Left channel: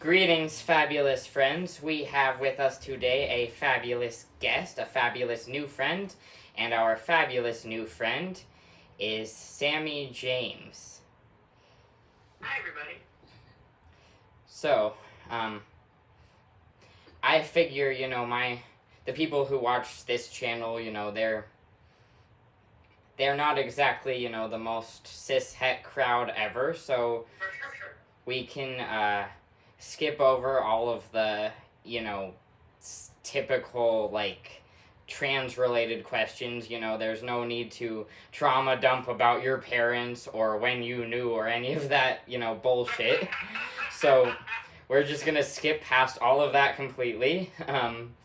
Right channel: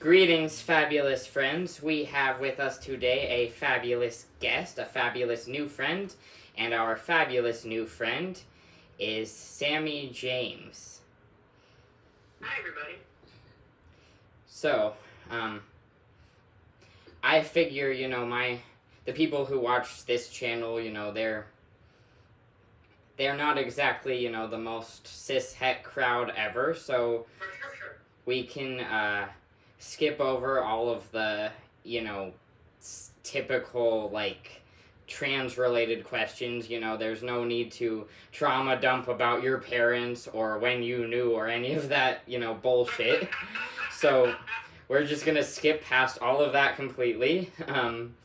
Greetings, fabulous friends. We have with us today a fabulous guest, a fabulous new friend, and our fabulous new friend is Sammie James. Hi, everybody. So, I figure, the people who watch this channel, they're not exactly, the most cishet crowd ever, so we can, skip over all of the, typical, trans-related questions. There's no need to trauma dump about your parents or when you knew or any of that, bullshit. So, we're just gonna skip past all of that completely. And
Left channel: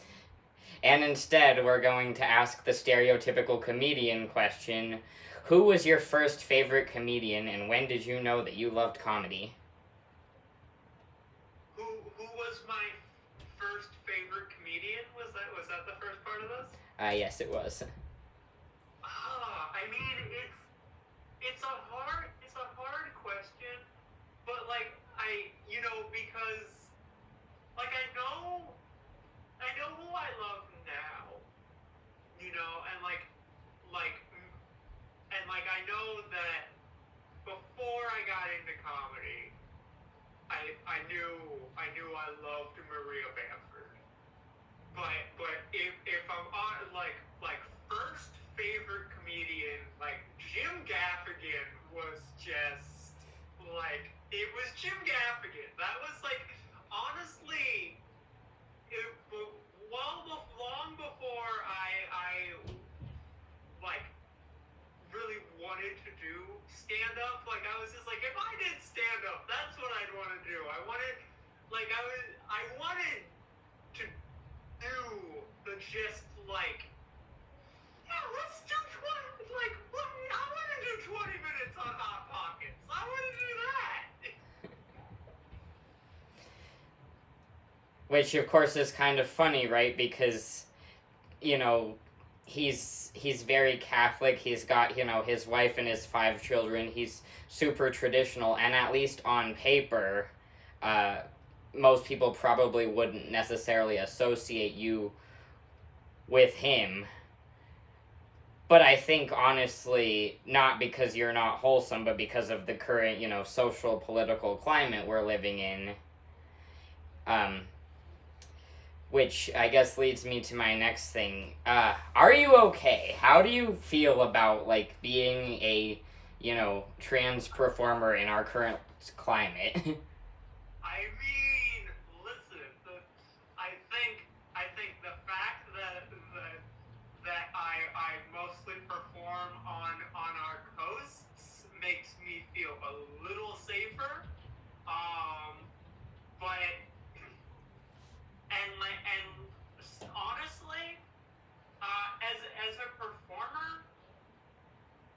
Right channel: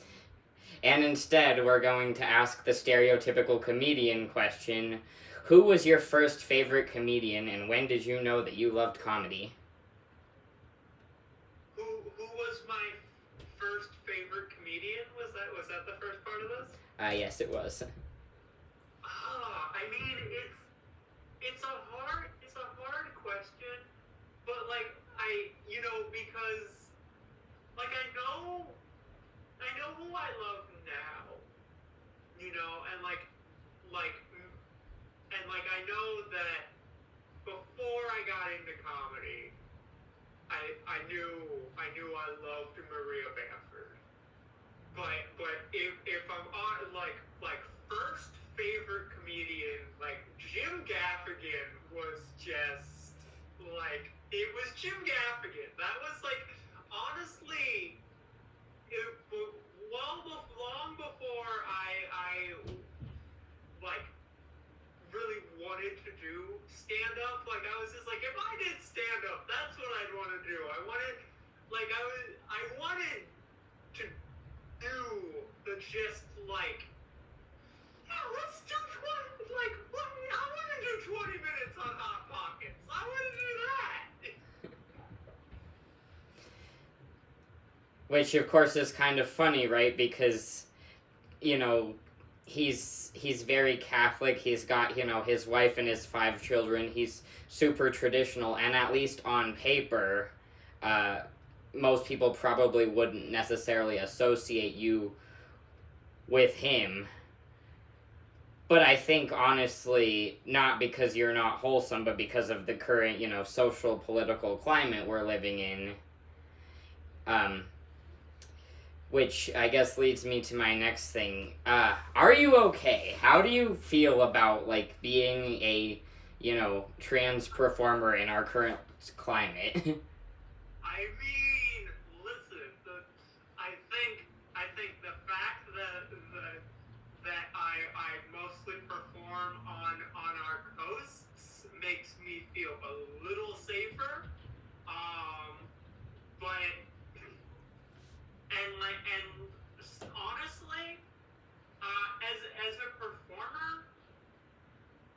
instead, we're going to ask the stereotypical comedian question. Who was your first favorite comedian, and when did you know that you loved comedy? Who was my first favorite comedian? Was that the first part of this? Yes, it was. I mean, it's a hard question, but because I know who I love now, and I know that before I got into comedy, I knew I loved Maria Bamford. But if I'm on first favorite comedian, Jim Gaffigan was just it was Jim Gaffigan. That was honestly long before I really wanted to do stand up. I was just if I did stand up, that's what I'd want to do. I wanted to do the just let's do 20 I want to do 20 minutes on Hot Pockets. I want to do that. Which, of course, is kind of funny, right? Because, he's very Catholic. He's got, his wife and his 5 children. He's super traditional, and at least on paper, most people probably wouldn't necessarily associate you with him. But I think, honestly, not because you're not wholesome, but because of the current, social, political climate we're living in. Which I guess leads me to my next thing. Are you okay? How do you feel about, being a, trans performer in our current climate? I mean, listen, I think the fact that I mostly perform on our coasts makes me feel a little safer. But and honestly, as a performer,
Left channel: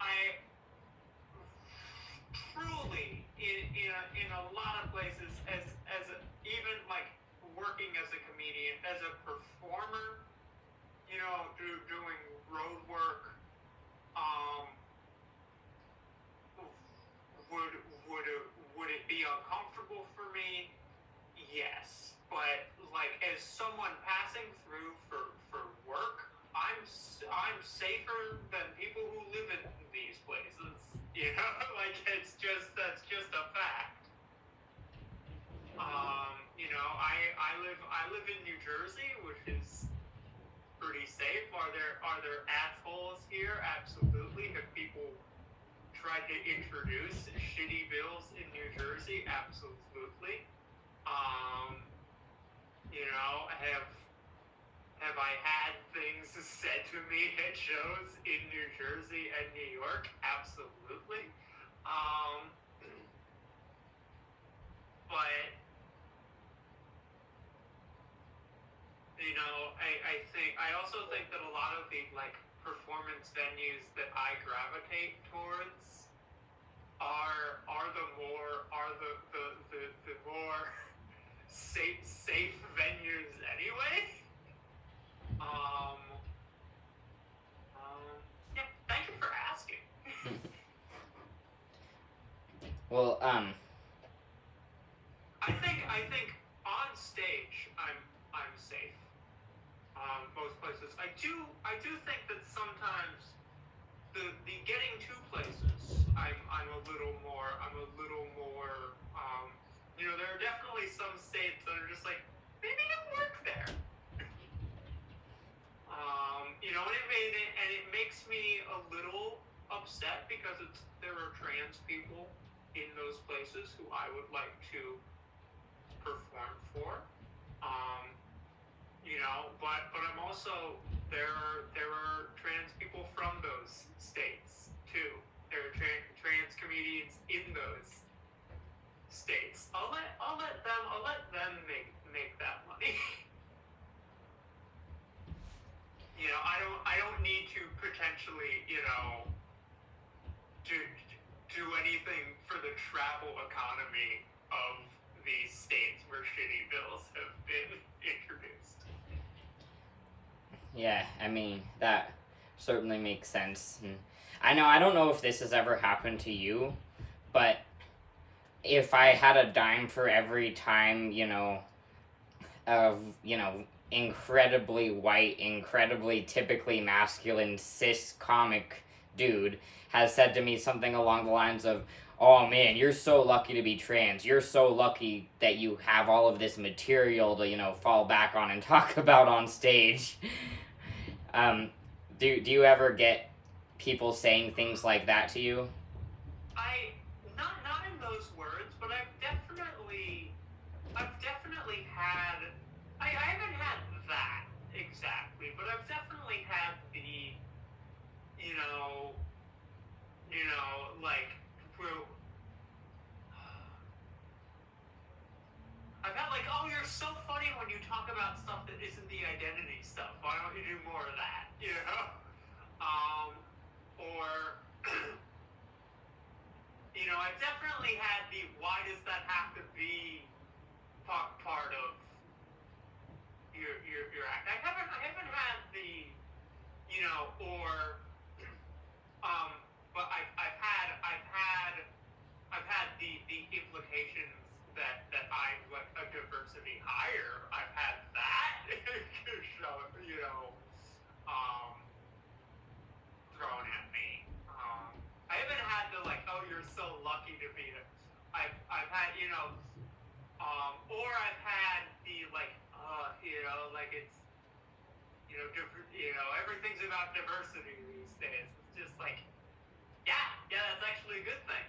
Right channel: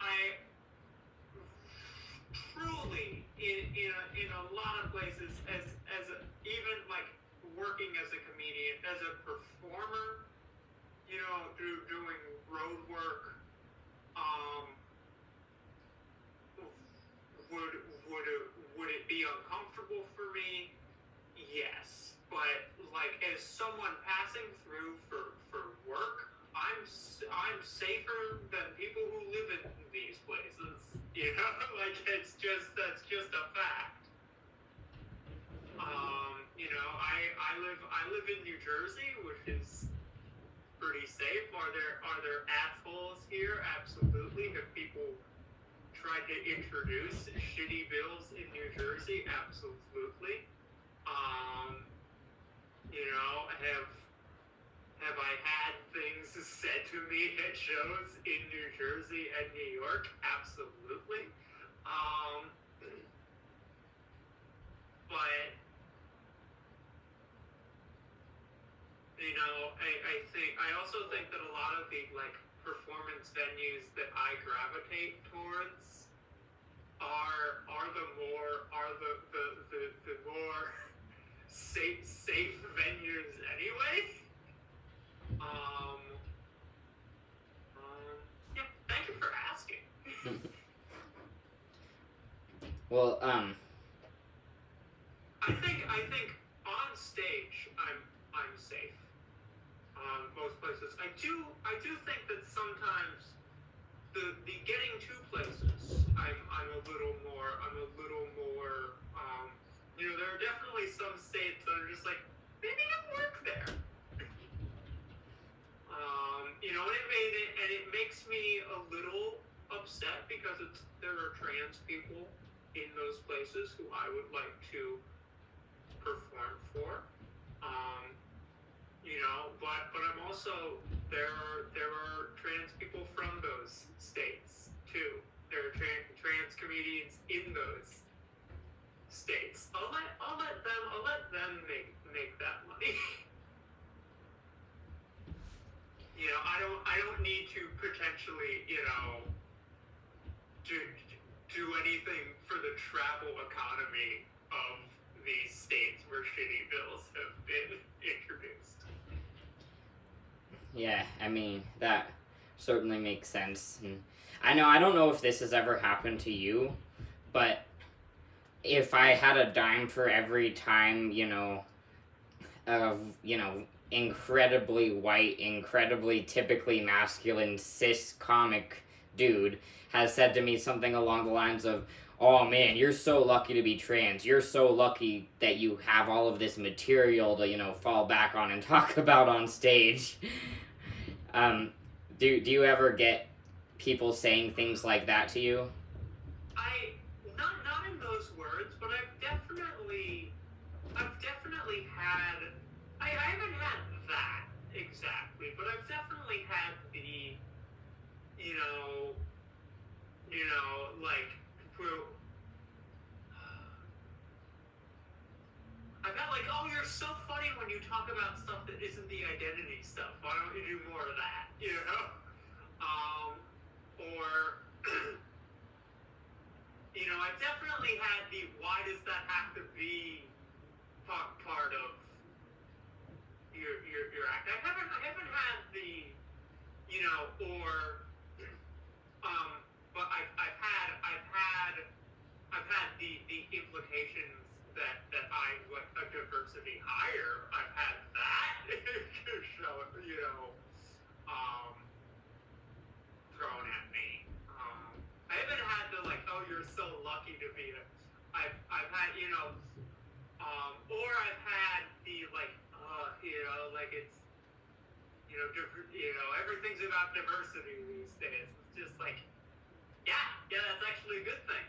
I truly in a lot of places even working as a comedian, as a performer, doing road work, would it be uncomfortable for me? Yes, but as someone passing through for work, I'm safer than people who live in these places. That's just a fact. I live in New Jersey, which is pretty safe. Are there assholes here? Absolutely. Have people tried to introduce shitty bills in New Jersey? Absolutely. Have I had things said to me at shows in New Jersey and New York? Absolutely. But I also think that a lot of the performance venues that I gravitate towards are the more safe venues anyway. Yeah, thank you for asking. Well, I think stage, I'm safe. Most places, I do think that sometimes the getting to places, I'm a little more. There are definitely some states that are just like, maybe you'll work there. And it makes me a little upset because there are trans people in those places who I would like to perform for. But I'm also there are trans people from those states too. There are trans comedians in those states. I'll let them make that money. I don't need to potentially, do anything for the travel economy of these states where shitty bills have been introduced. Yeah, I mean, that certainly makes sense. And I don't know if this has ever happened to you, but if I had a dime for every time, incredibly white, incredibly typically masculine, cis comic dude has said to me something along the lines of, oh man, you're so lucky to be trans. You're so lucky that you have all of this material to, fall back on and talk about on stage. Do you ever get people saying things like that to you? Not in those words, but I've definitely had. I haven't had that exactly, but I've definitely had the, like, I've had like, oh, you're so funny when you talk about stuff that isn't the identity stuff. Why don't you do more of that? Or, I've definitely had the, why does that have to be part of your act? I haven't had the, but I've had the implications that I'm like a diversity hire. I've had that show, thrown at me. I haven't had the like, oh, you're so lucky to be I've had, or I've had the like, like it's, everything's about diversity these days. It's just like, yeah, that's actually a good thing.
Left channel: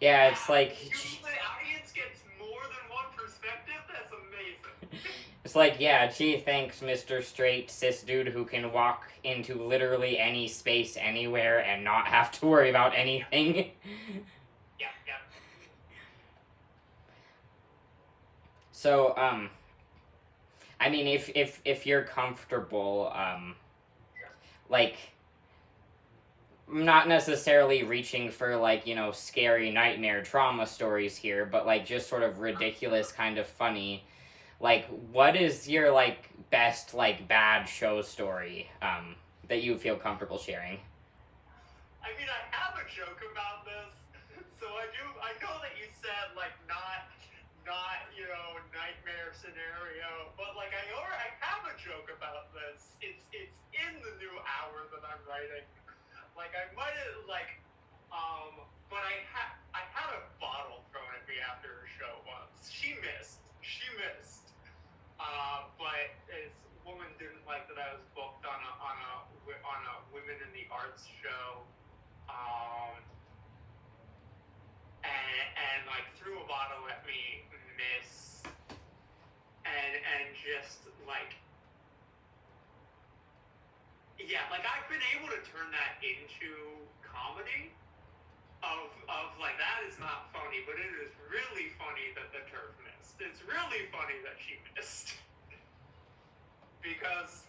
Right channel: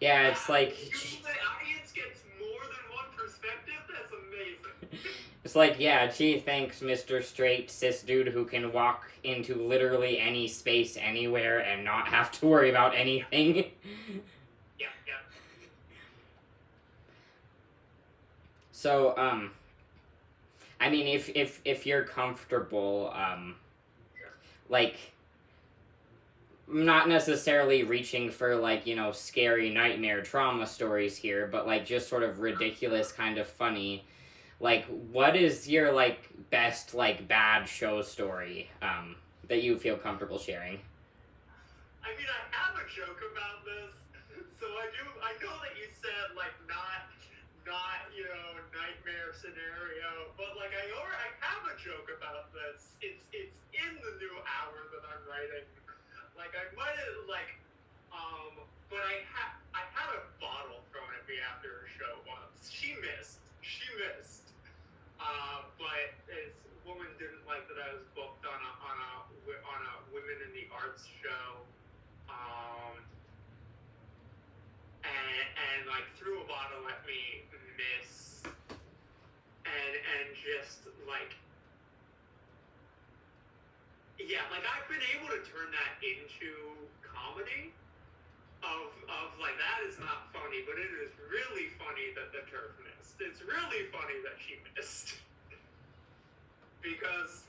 Yeah, it's like, the audience gets more than one perspective. That's amazing. It's like, yeah, gee, thanks, Mr. Straight Cis Dude who can walk into literally any space anywhere and not have to worry about anything. Yeah. So, I mean, if you're comfortable, like, not necessarily reaching for, like, scary nightmare trauma stories here, but, like, just sort of ridiculous, kind of funny. Like, what is your, like, best, like, bad show story, that you feel comfortable sharing? I mean, I have a joke about this, so I know that you said, like, not, nightmare scenario, but, like, I have a joke about this. It's in the new hour that I'm writing. Like, I might have, like, but I had a bottle thrown at me after a show once. She missed. But this woman didn't like that I was booked on a Women in the Arts show, and like threw a bottle at me, miss, and just like, yeah, like I've been able to turn that into comedy. Of like, that is not funny, but it is really funny that the turf missed. It's really funny that she missed. Because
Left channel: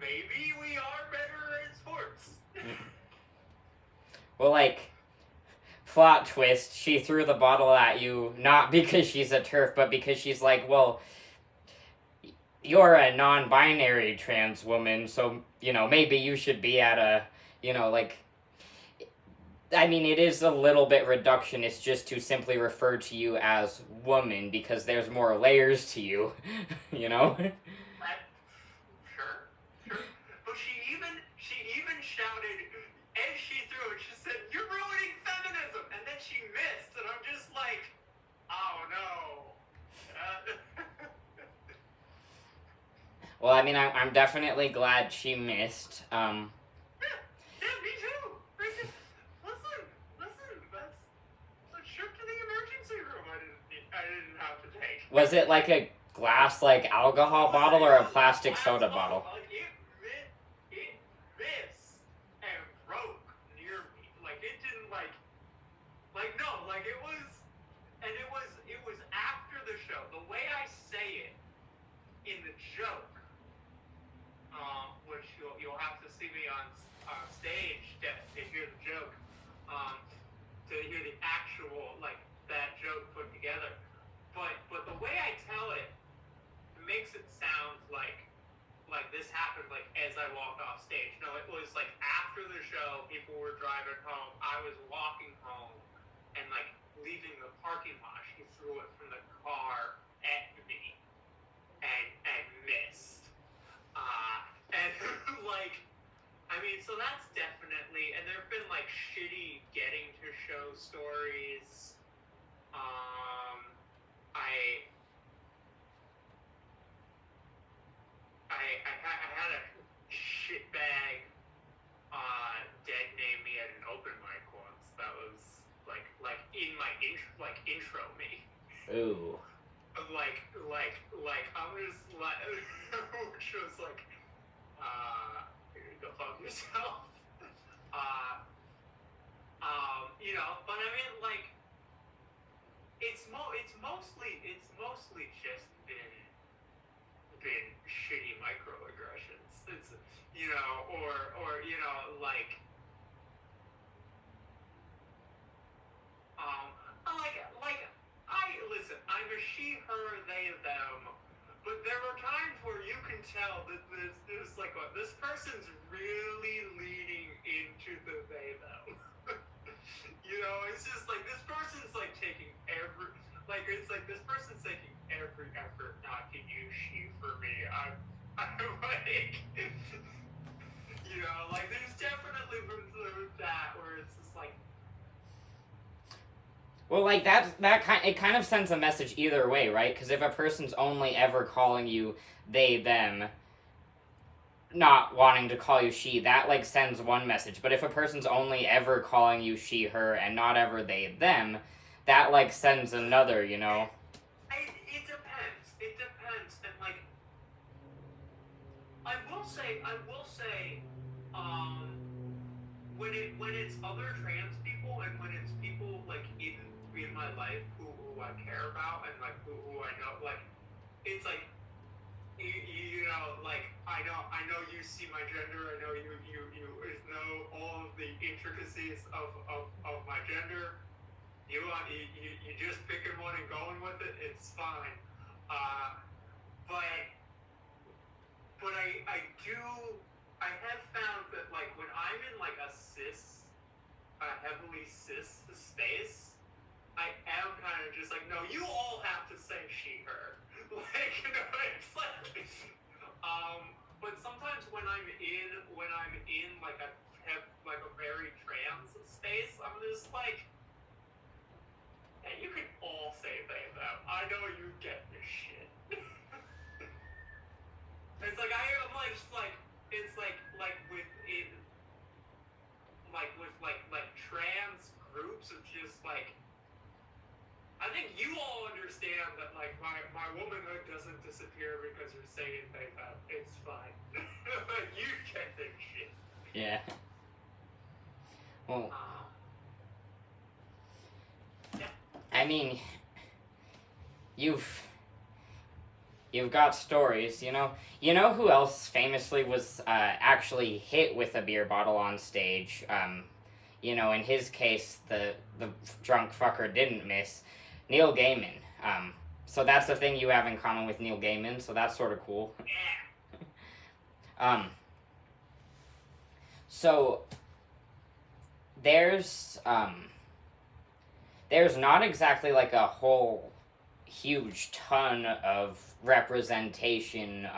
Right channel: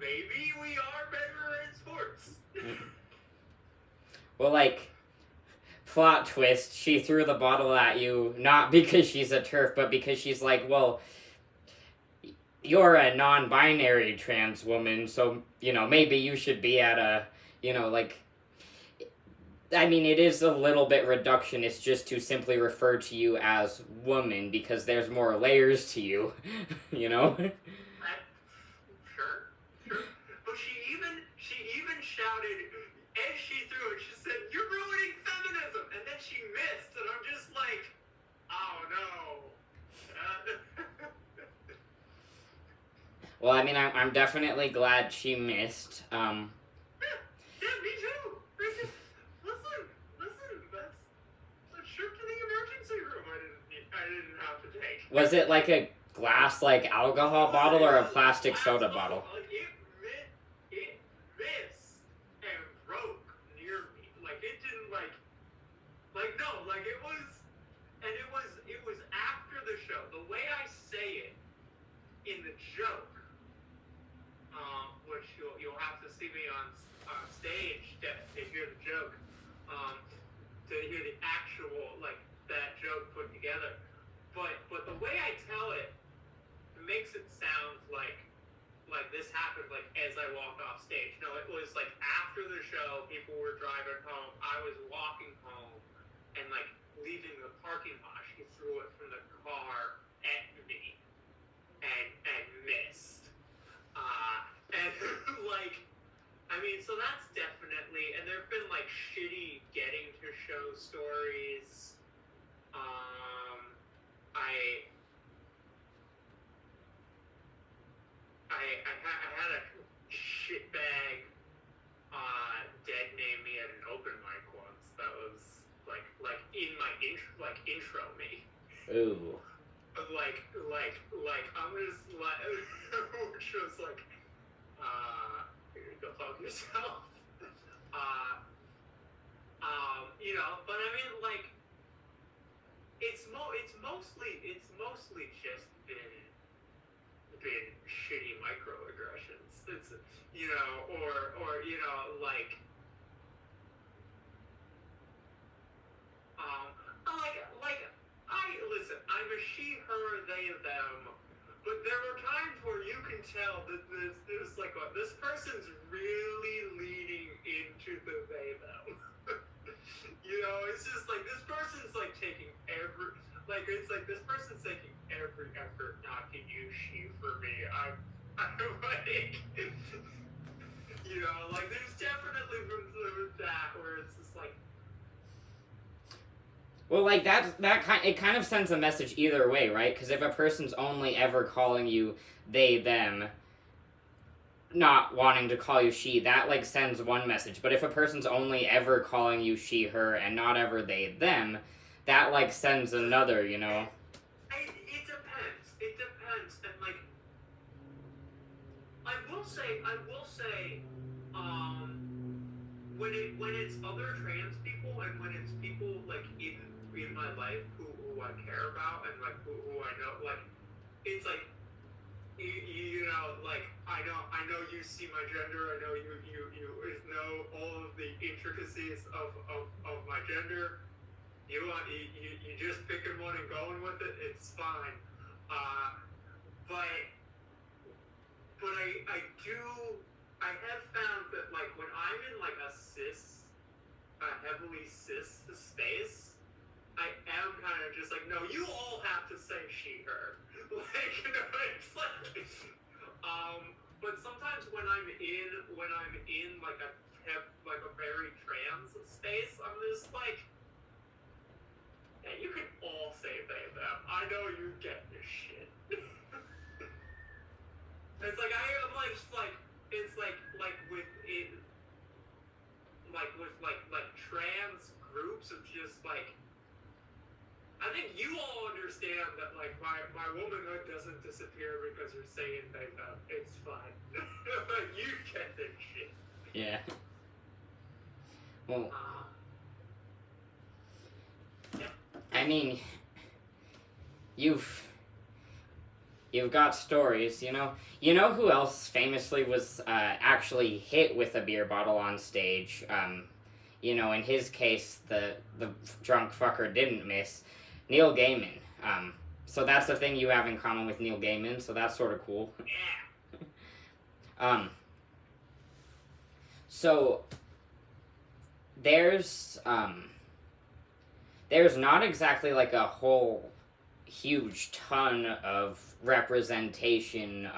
maybe we are better at sports. Well, like, plot twist, she threw the bottle at you, not because she's a turf, but because she's like, well, you're a non-binary trans woman, so, maybe you should be at a, like, I mean, it is a little bit reductionist just to simply refer to you as woman because there's more layers to you, you know? Sure, sure. But she even shouted as she threw it. She said, "You're ruining feminism," and then she missed, and I'm just like, oh no. Well, I mean, I'm definitely glad she missed. Yeah, me too. Listen, that's a trip to the emergency room I didn't have to take. Was it like a glass, like, alcohol bottle or a plastic soda bottle? It missed and broke near me. Like, it didn't, no, like, it was, and it was after the show. The way I say it in the joke, which you'll have to see me on stage to hear the joke, to hear the actual, like, that joke put together. But the way I tell it makes it sound like this happened like as I walked off stage. No, it was like after the show, people were driving home. I was walking home and like leaving the parking lot. She threw it from the car at me and missed. And like, I mean, so that's definitely. And there've been like shitty getting to show stories. I had a shitbag dead name me at an open mic once. That was like in my intro me. Ooh. Like I was like, which was like, go fuck yourself. You know, but I mean, like, it's mostly just been shitty microaggressions. It's, you know, or you know, like I listen. I'm a she, her, they, them. But there are times where you can tell that there's like this person's really leaning into the they, them. You know, it's just like this person's like taking it's like this person's taking every effort not to use she for me. I'm like, you know, like there's definitely that where it's just like. Well, like it kind of sends a message either way, right? Because if a person's only ever calling you they, them, not wanting to call you she, that like sends one message. But if a person's only ever calling you she, her, and not ever they, them, that like sends another, you know. It depends. It depends, and like I will say, when it's other trans people and when it's people like in my life who I care about and like who I know, like it's like you know, like I know you see my gender. I know you know all of the intricacies of my gender. You just picking one and going with it. It's fine. But I have found that like when I'm in like a heavily cis space, I am kind of just like, no, you all have to say she, her. Like, you know, it's like, but sometimes when I'm in like a very trans space, I'm just like, yeah, you can all say they, them. I know you get this shit. It's like I'm like just like it's like with it with trans groups. It's just like I think you all understand that like my womanhood doesn't disappear because you're saying they, them. It's fine. You get this shit. Yeah. Well, I mean, you've got stories, you know. You know who else famously was actually hit with a beer bottle on stage? You know, in his case, the drunk fucker didn't miss. Neil Gaiman. So that's the thing you have in common with Neil Gaiman. So that's sort of cool. So there's there's not exactly like a whole huge ton of representation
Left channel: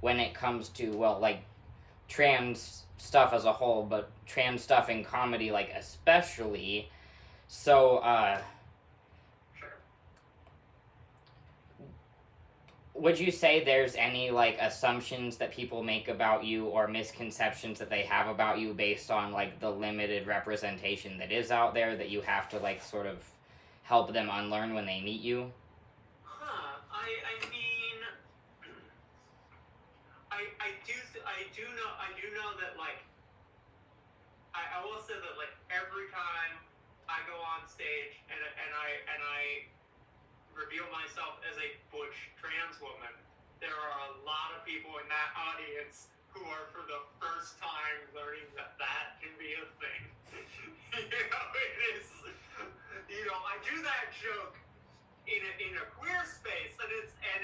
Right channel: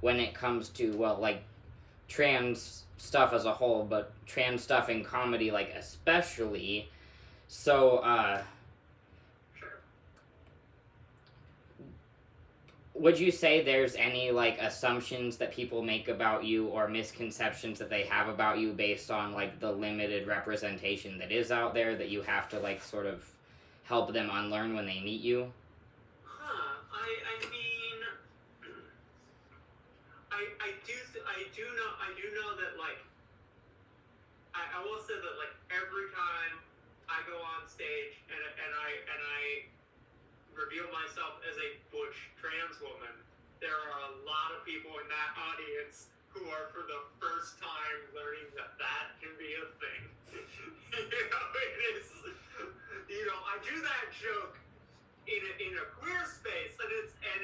when it comes to, well, like trans stuff as a whole, but trans stuff in comedy, like, especially. So would you say there's any like assumptions that people make about you or misconceptions that they have about you based on like the limited representation that is out there that you have to like sort of help them unlearn when they meet you? I mean, I do know that, like, I will say that, like, every time I go on stage and I reveal myself as a butch trans woman, there are a lot of people in that audience who are for the first time learning that that can be a thing. It is, I do that joke in a queer space, and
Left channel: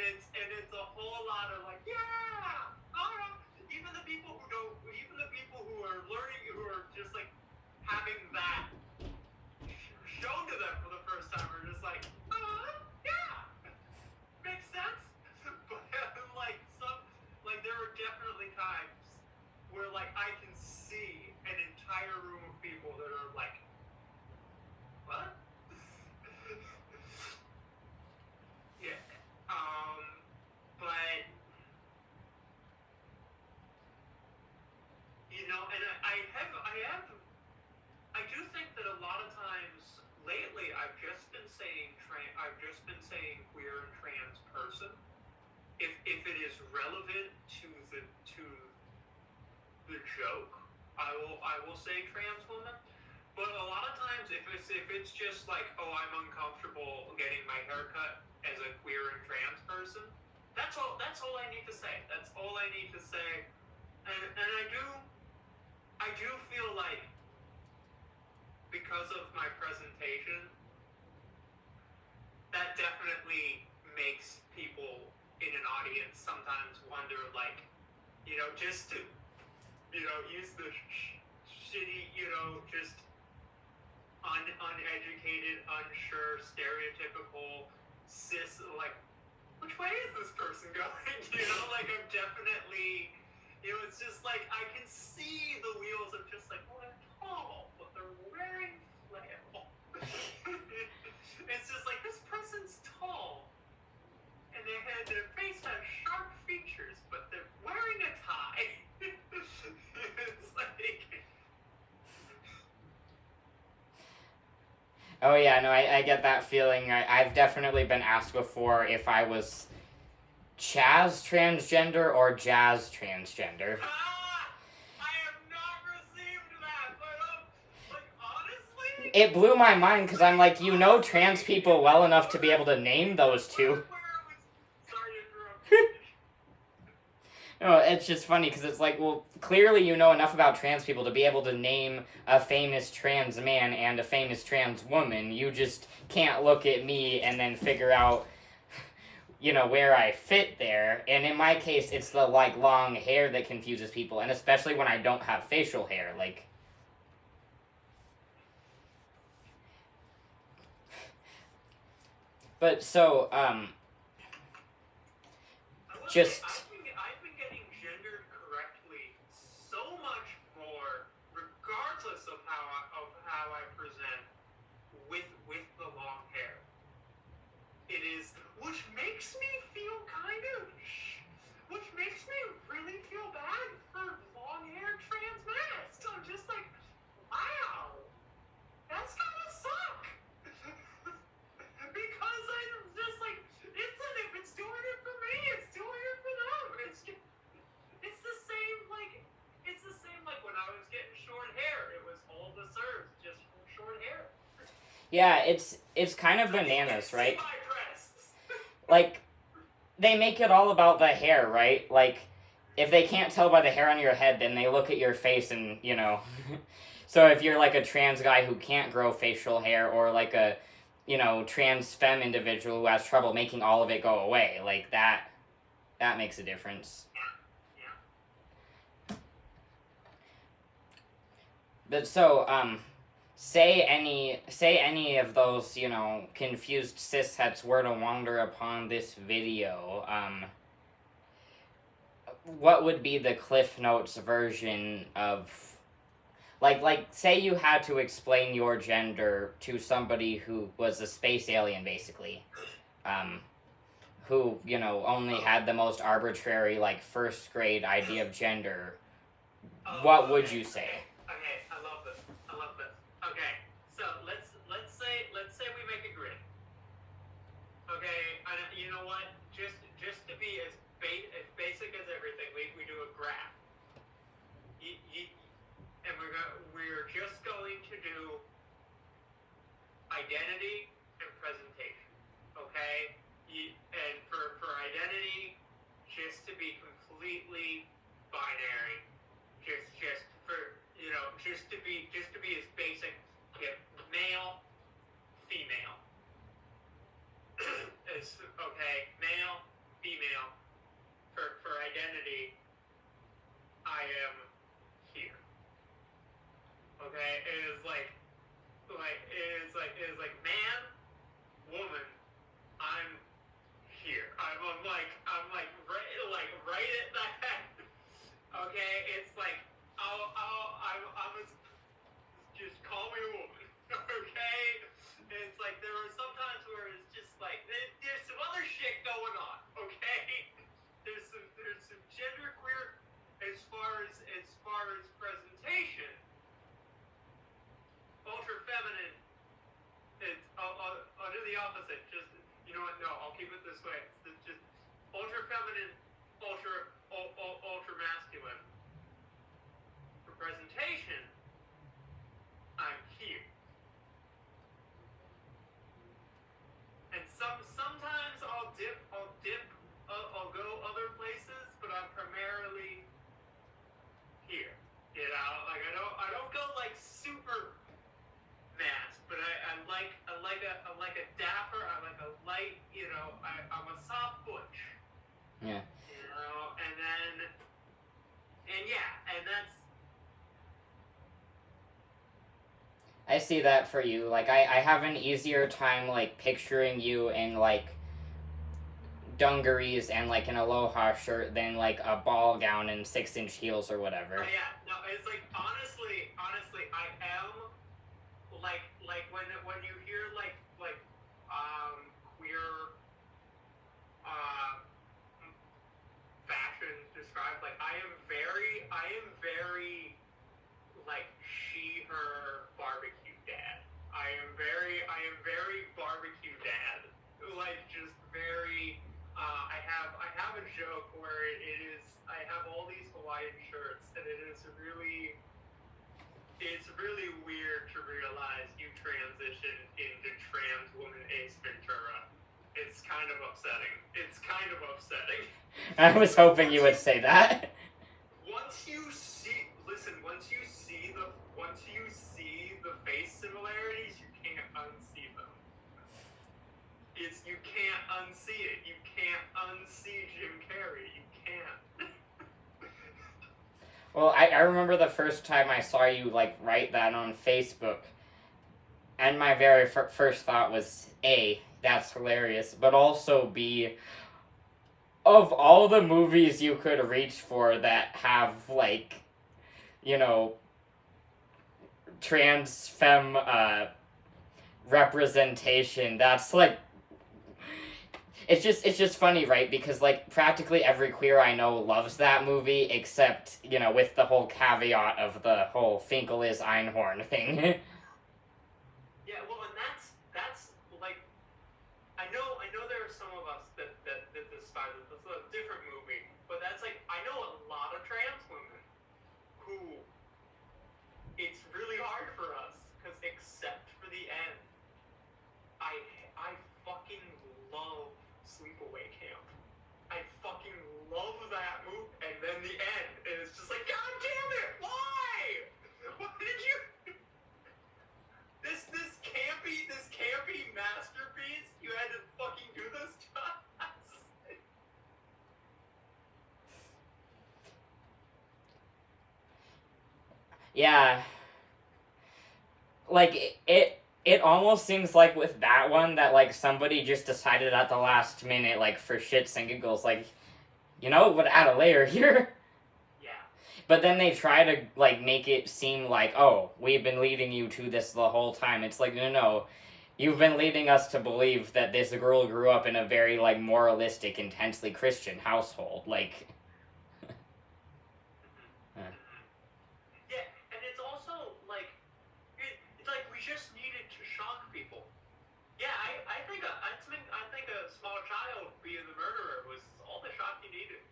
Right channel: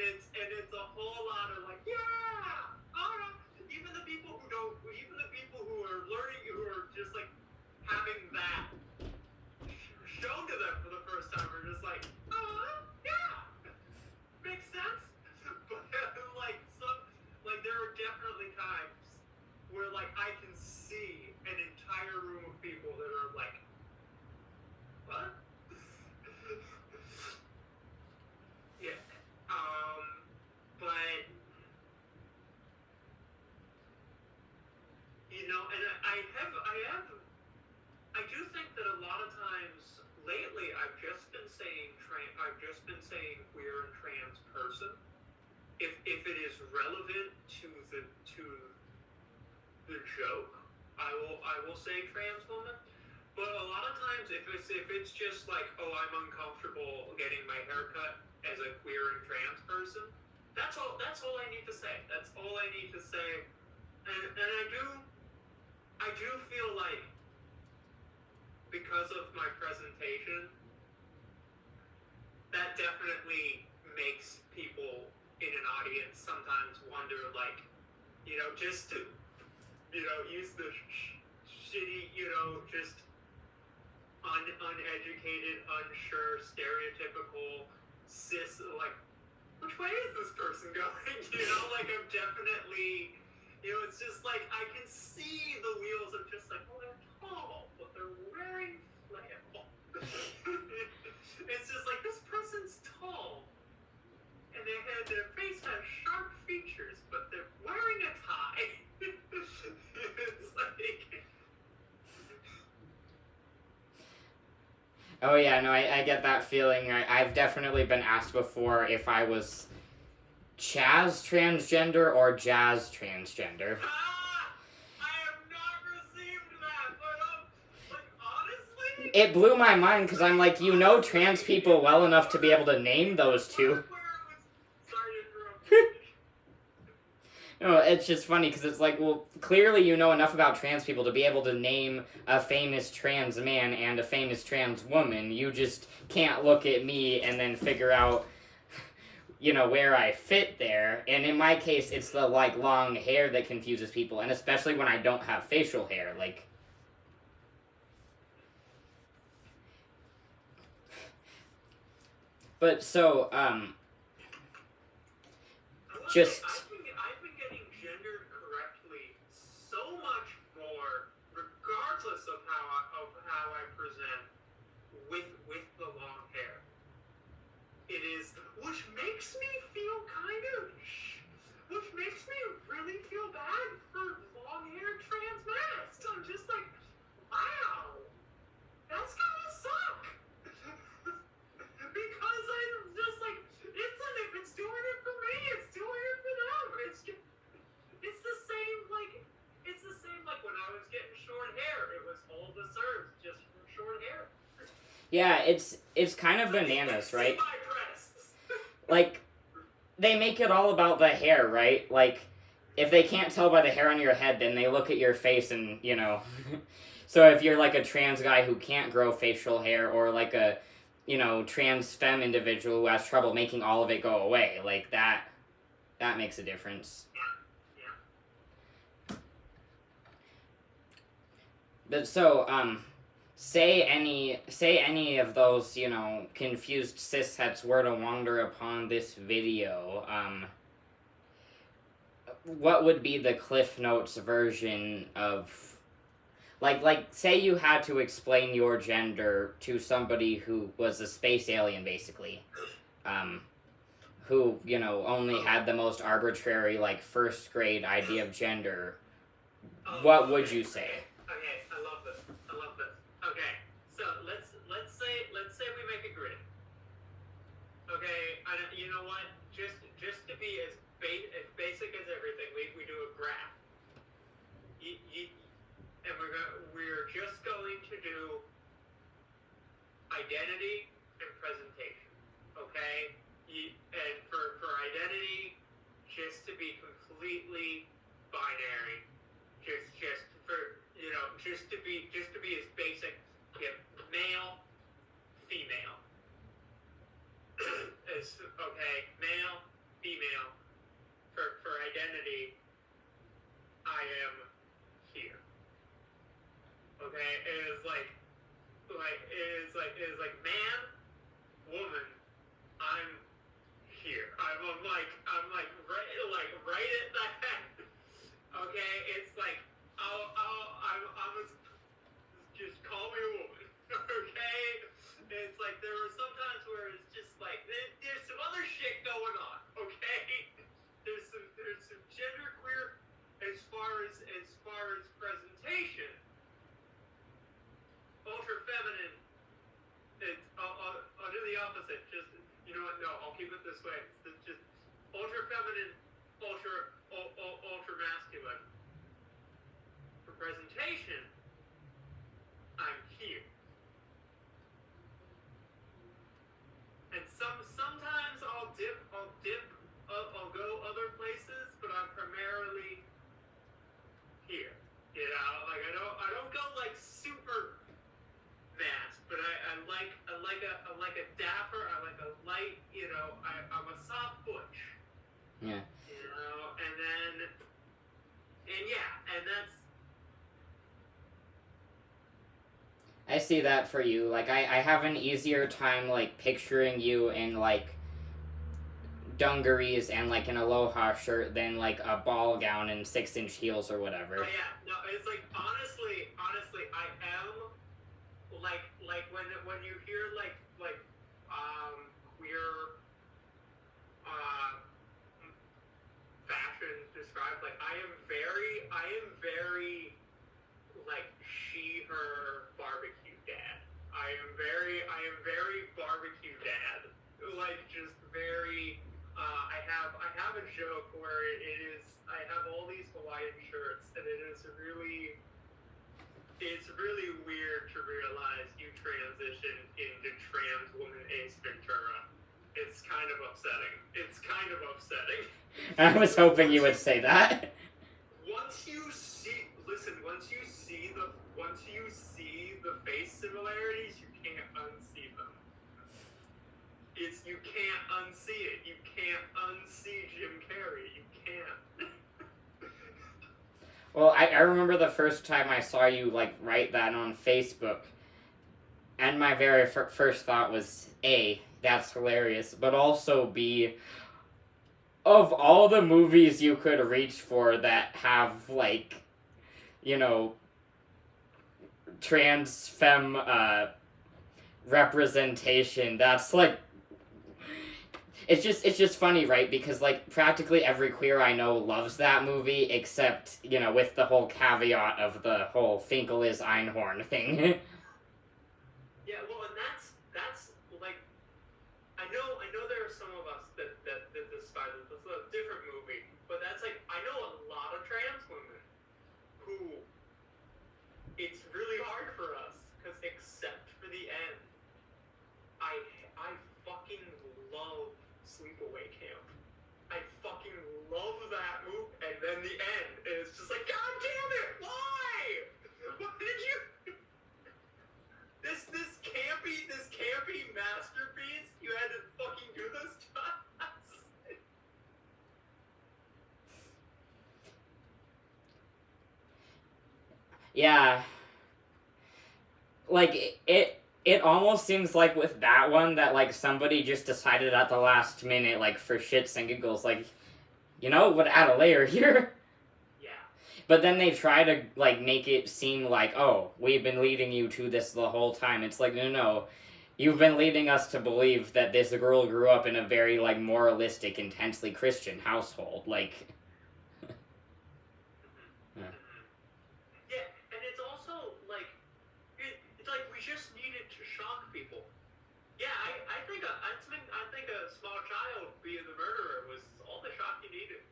it's a whole lot of like, yeah, even the people who are learning, who are just like having that shown to them for the first time, are just like, yeah, makes sense. But like there are definitely times where like I can see an entire room of people that are like, what? Yeah. But and I do think that a lot of times lately I've just been saying queer and trans person if it is relevant to the joke. I will say trans woman. But a lot of times, if it's just like, oh, I'm uncomfortable getting my hair cut as a queer and trans person, that's all I need to say. That's all I need to say. And I do feel like, because of my presentation, that definitely makes people in an audience sometimes wonder, like, just to, use the shitty, just uneducated, unsure, stereotypical, cis, like, which way is this person going? Like, I'm definitely, it's just like, I can see the wheels of just like, well, they're tall, but they're wearing flannel. It's just like, this person's tall, and their face has sharp features, but they're wearing a tie. It's like... Oh yeah, no, I get that feeling. I've definitely been asked before if I was Chaz transgender or Jazz transgender. I have not received that, but honestly... It blew my mind because I'm like, trans people well enough to be able to name those two. Sorry to interrupt. No, it's just funny because it's like, well, clearly you know enough about trans people to be able to name a famous trans man and a famous trans woman. You just can't look at me and then figure out, where I fit there. And in my case, it's the, like, long hair that confuses people, and especially when I don't have facial hair, like... But, so, just... I've been getting gendered correctly so much more, regardless of how I present with the long hair. It is, which makes me really feel bad for long-haired trans men. So I'm just like, wow, that's gotta suck. Because I'm just like, if it's doing it for me, it's doing it for them. It's the same like when I was getting short hair. It was all the serves just for short hair. Yeah, it's kind of bananas, right? Like, they make it all about the hair, right? Like, if they can't tell by the hair on your head, then they look at your face and, So if you're like a trans guy who can't grow facial hair, or like a, trans femme individual who has trouble making all of it go away, like that makes a difference. But so, say any of those, you know, confused cishets were to wander upon this video, what would be the Cliff Notes version of, like, say you had to explain your gender to somebody who was a space alien, basically, who, you know, only had the most arbitrary, like, first grade idea of gender, what would you say? Okay, I love this. Okay, so let's say we make a grid. Okay, you know what? Just to be as basic as everything, we do a graph. And we're just going to do identity and presentation. Okay, and for identity, just to be completely binary. Just for, you know, just to be as basic, male, female. It's okay, male, female. For identity, I am here. Okay, it is like man, woman, I'm here. I'm right at that. Okay, it's like just call me a woman. Okay, it's like there are some times where it's just like there's some other shit going on. Okay, there's some genderqueer as far as presentation. Ultra feminine. I'll do the opposite. Just, you know what? No, I'll keep it this way. It's just ultra feminine, ultra masculine. For presentation, I'm here. And sometimes I'll go other places, but I'm primarily here. You know, like I don't go like super masked, but I like a dapper, I like a light, you know, I'm a soft butch. Yeah. You know, and that's. I see that for you. Like, I have an easier time, like, picturing you in, like, dungarees and, like, an aloha shirt than, like, a ball gown and 6-inch heels or whatever. Oh, yeah. No, it's like, honestly, I am, like, when you hear, queer, fashion described, like, I am very, like, she, her, barbecue dad. I am very barbecue dad. Like, just very, I have a joke where it is, I have all these Hawaiian shirts, and it's really weird to realize you transitioned into trans woman Ace Ventura. It's kind of upsetting. I was hoping you would say that. Once you see the face similarities, you can't unsee them. You can't unsee it. You can't unsee Jim Carrey. You can't. Well, I remember the first time I saw you, like, write that on Facebook, and my very first thought was, A, that's hilarious, but also B, of all the movies you could reach for that have, like, you know, trans femme representation, that's, like, it's just funny, right? Because, like, practically every queer I know loves that movie, except, you know, with the whole caveat of the whole Finkel is Einhorn thing. Yeah, well, and that's like, I know there are some of us that despise it. It's a different movie, but that's like, I know a lot of trans women who it's really hard for us, because except for the end, I fucking love Sleepaway Camp. I fucking love that movie, and then the end, and it's just like, God damn it, why? What did you? This campy masterpiece, you had to fucking do this to us. Yeah. like, it almost seems like with that one that, like, somebody just decided at the last minute, like, for shits and giggles, like, you know, would add a layer here. Yeah. But then they try to, like, make it seem like, oh, we've been leading you to this the whole time. It's like, no. You've been leading us to believe that this girl grew up in a very, like, moralistic, intensely Christian household. Like... Yeah, and it's also, like, it's like we just needed to shock people. Yeah, I think a small child being the murderer was all the shock he needed.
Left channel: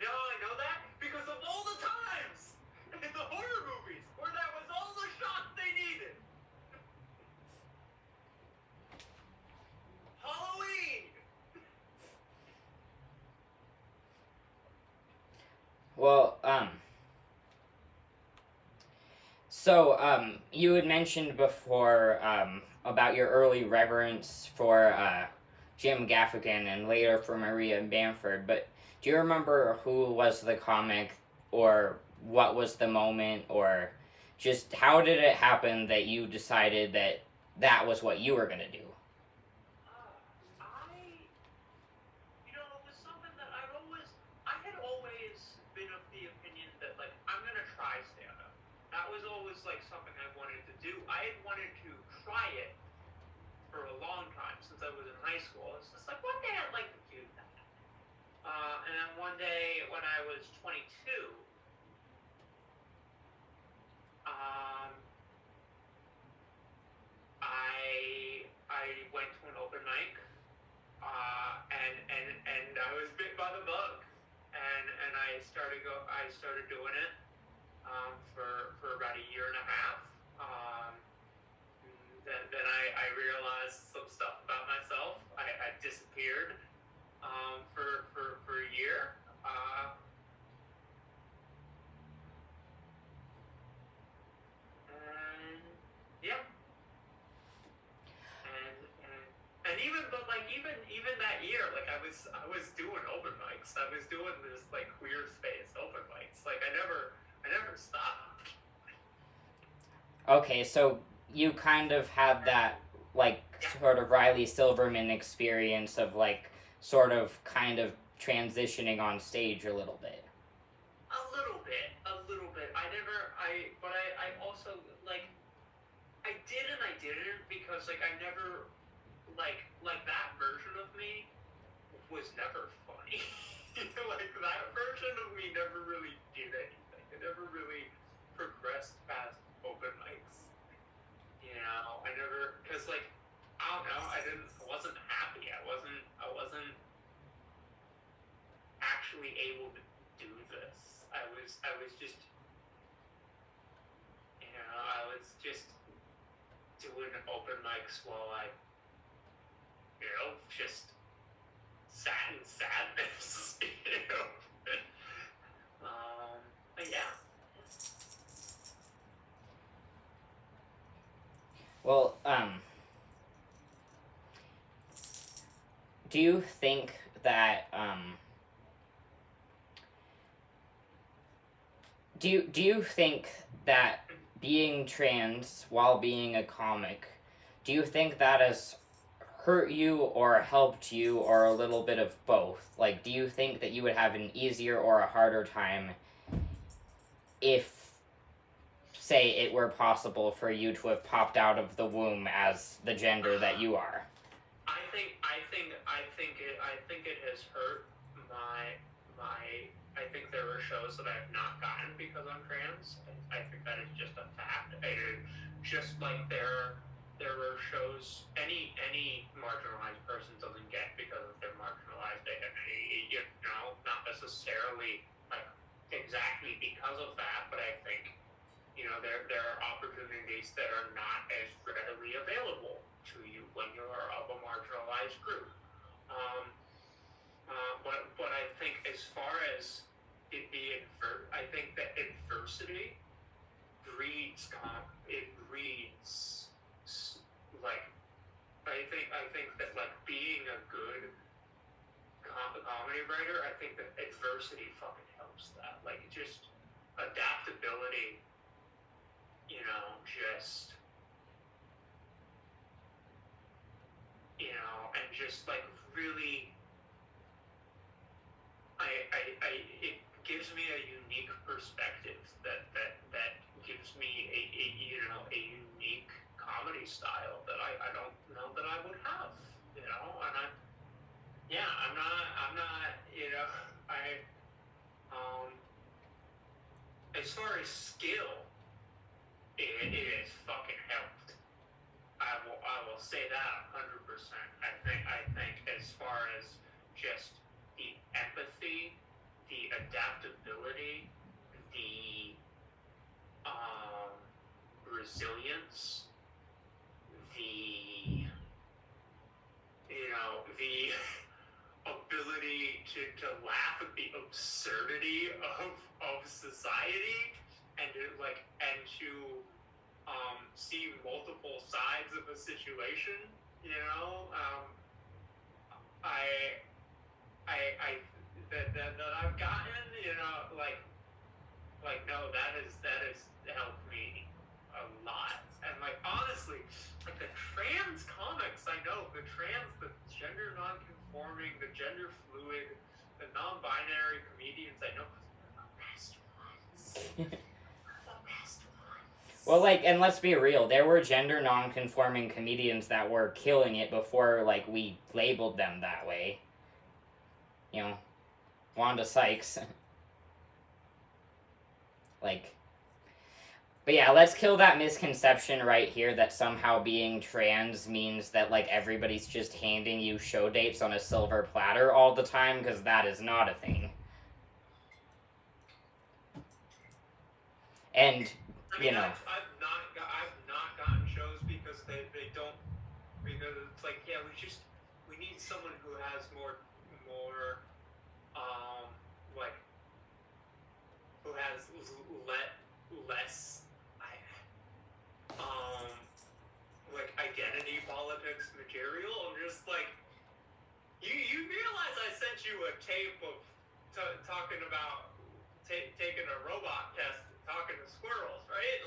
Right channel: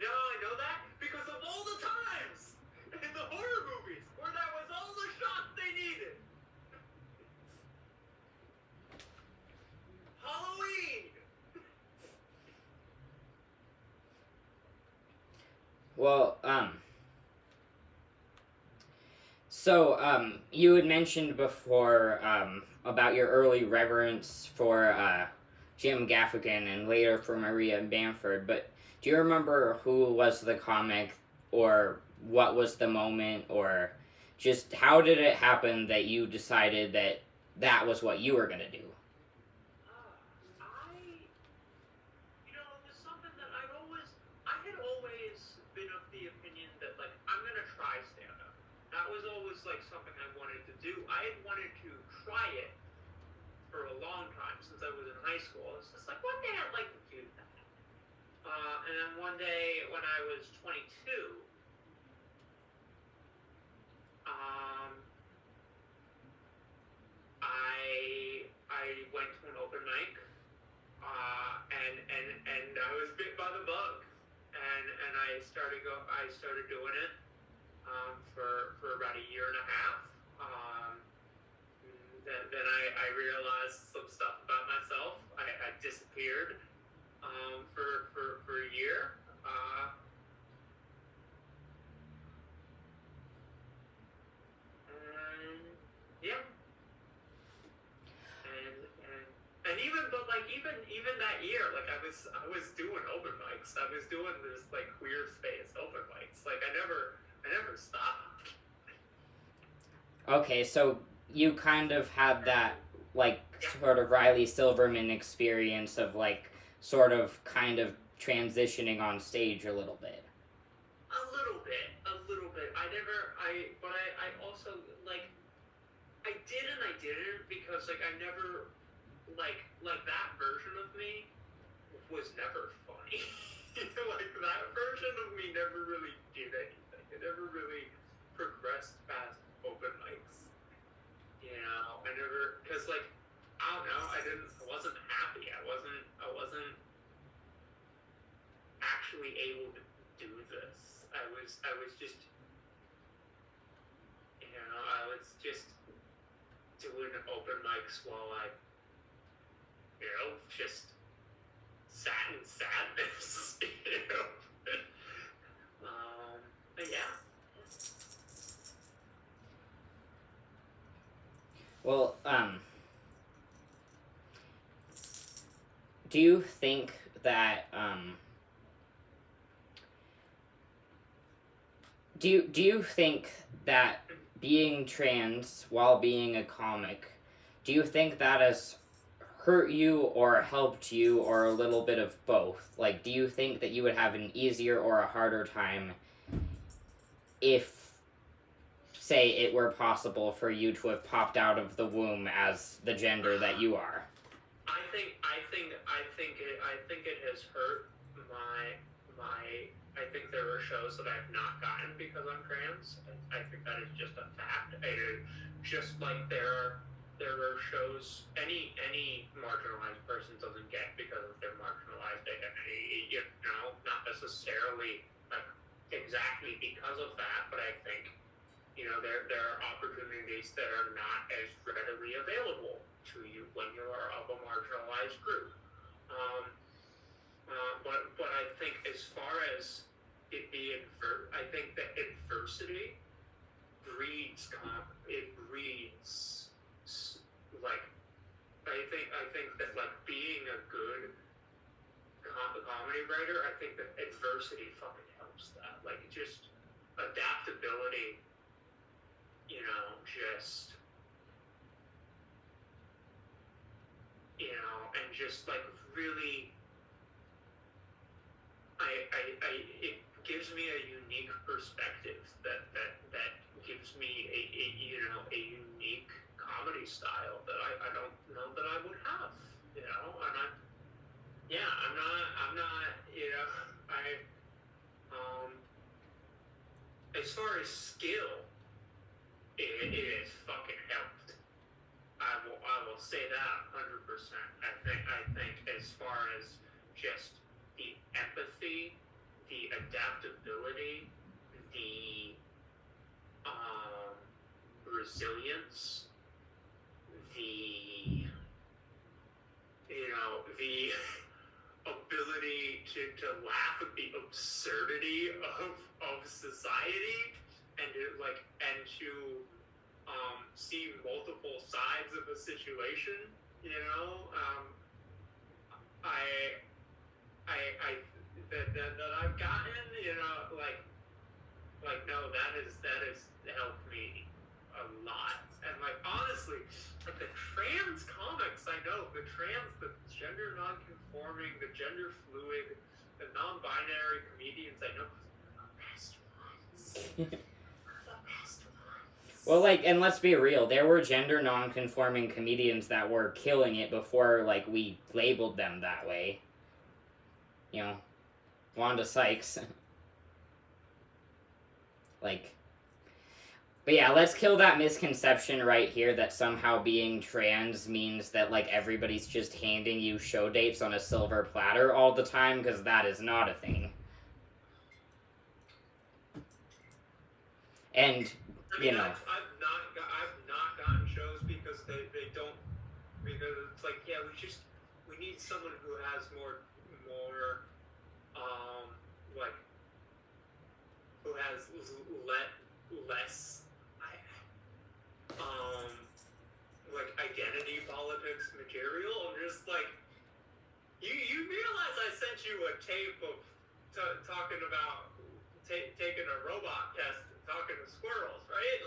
You know how I know that? Because of all the times in the horror movies where that was all the shock they needed. Halloween! Well, so, you had mentioned before, about your early reverence for, Jim Gaffigan and later for Maria Bamford, but do you remember who was the comic, or what was the moment, or just how did it happen that you decided that that was what you were going to do? It was something that I had always been of the opinion that, like, I'm going to try stand-up. That was always, like, something I wanted to do. I had wanted to try it for a long time, since I was in high school. It's just like, one day I'd like to do that. And then one day when I was 22, I went to an open mic, and I was bit by the bug, and I started doing it, for about a year and a half. Then I realized some stuff about myself. I disappeared, for a year. And yeah. And even that year, like, I was doing open mics. I was doing this, like, queer space open mics. Like, I never stopped. Okay, so you kind of had that, like, sort of Riley Silverman experience of, like, sort of kind of transitioning on stage a little bit. A little bit. But I also, like, I did and I didn't, because, like, I never, like that version of me was never funny. Like, that version of me never really did anything. It never really progressed past open mics. You know, I never, because, like, I don't know, I wasn't happy. I wasn't actually able to do this. I was just, I was just doing open mics while I, just sat in sadness, but yeah. Well, do you think that, do you think that being trans while being a comic, do you think that has hurt you or helped you, or a little bit of both? Like, do you think that you would have an easier or a harder time if, say, it were possible for you to have popped out of the womb as the gender that you are? I think it has hurt my I think there are shows that I've not gotten because I'm trans. I think that is just a fact. Just like there are shows any marginalized person doesn't get because of their marginalized identity. Not necessarily, like, exactly because of that, but I think, there are opportunities that are not as readily available to you when you are of a marginalized group. But I think as far as it being, I think that adversity breeds, like, I think that, like, being a good comedy writer, I think that adversity fucking helps that. Like, just adaptability just like really, it gives me a unique perspective that gives me a unique comedy style that I don't know that I would have, and I'm not, as far as skill, it has fucking helped. I will say that 100%. I think as far as just the empathy, the adaptability, the resilience, the the ability to laugh at the absurdity of society and to see multiple sides of a situation, that I've gotten, no, that has helped me a lot. And honestly, the trans comics I know, the gender non-conforming, the gender fluid, the non-binary comedians I know, are the best ones. Well, and let's be real, there were gender non-conforming comedians that were killing it before, we labeled them that way. Wanda Sykes. But yeah, let's kill that misconception right here that somehow being trans means that, everybody's just handing you show dates on a silver platter all the time, because that is not a thing. And, I've not gotten shows because they don't, because it's we need someone who has more, who has less, identity politics material. I'm just you realize I sent you a tape of talking about taking a robot test and talking to squirrels, right?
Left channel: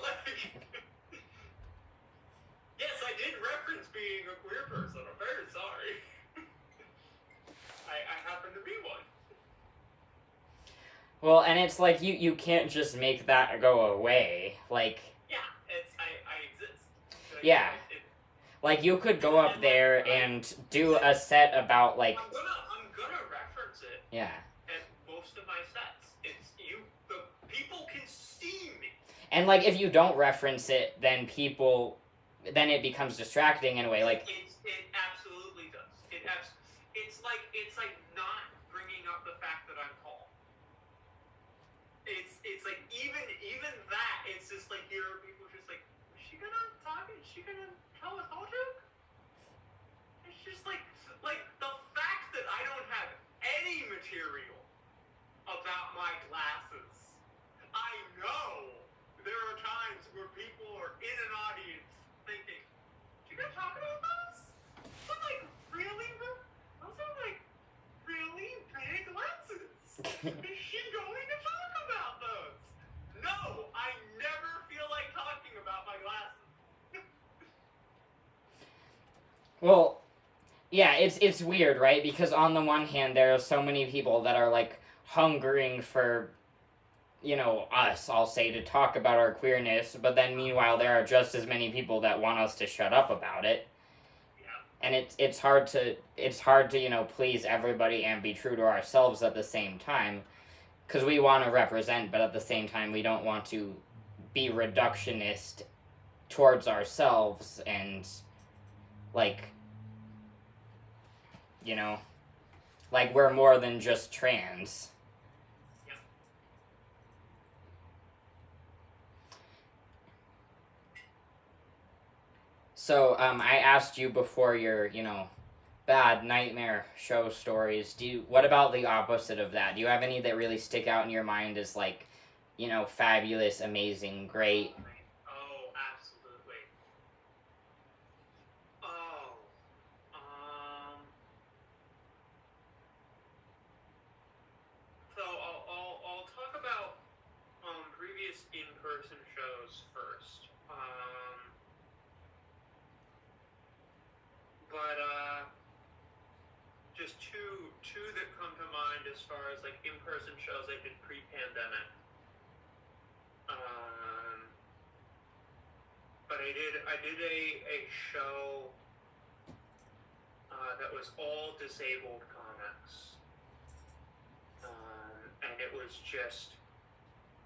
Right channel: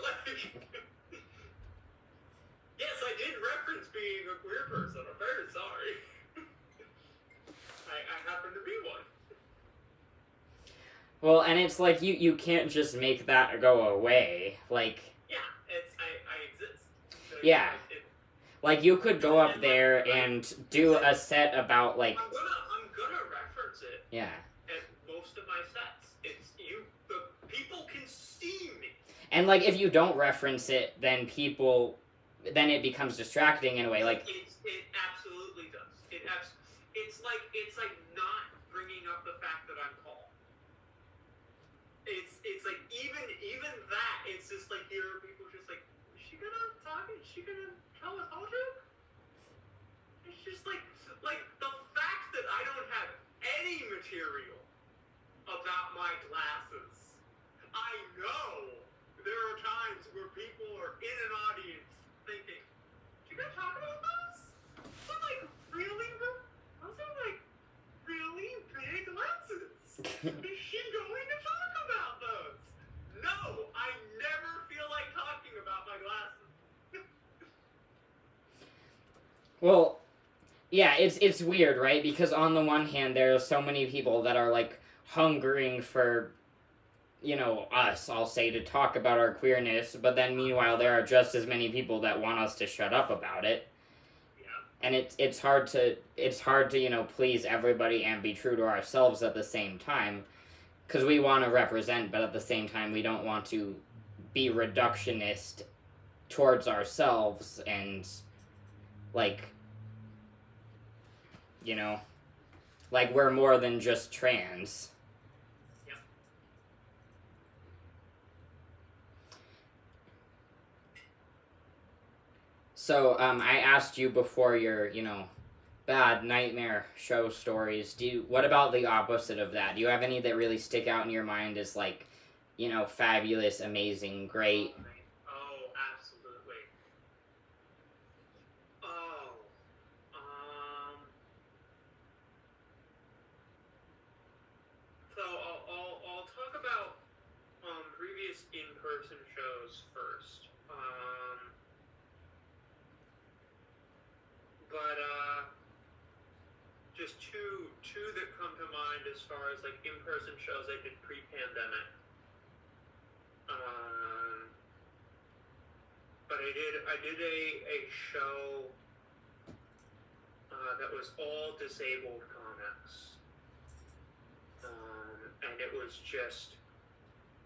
Yes, I did reference being a queer person. I'm very sorry. I happen to be one. Well, and it's you can't just make that go away. Yeah, I exist. Yeah. You could go up there and do a set about, I'm gonna reference it. Yeah. At most of my sets. The people can see me. And, if you don't reference it, then it becomes distracting in a way, It absolutely does. It's like not bringing up the fact that I'm tall. It's even that, it's just here are people just is she gonna talk? Is she gonna tell a tall joke? It's just the fact that I don't have any material about my glasses. I know there are times where people are in an audience thinking, you gonna talk about those? Those are really big lenses. Is she going to talk about those? No, I never feel like talking about my glasses. Well, yeah, it's weird, right? Because on the one hand, there are so many people that are, hungering for, us, I'll say, to talk about our queerness, but then meanwhile, there are just as many people that want us to shut up about it. And it's hard to please everybody and be true to ourselves at the same time, because we want to represent, but at the same time we don't want to be reductionist towards ourselves and we're more than just trans. Yep. So, I asked you before your, bad nightmare show stories. What about the opposite of that? Do you have any that really stick out in your mind as fabulous, amazing, great? Oh, absolutely. So I'll talk about previous in-person shows first. But as far as like in-person shows I did pre-pandemic. But I did a show that was all disabled comics, and it was just,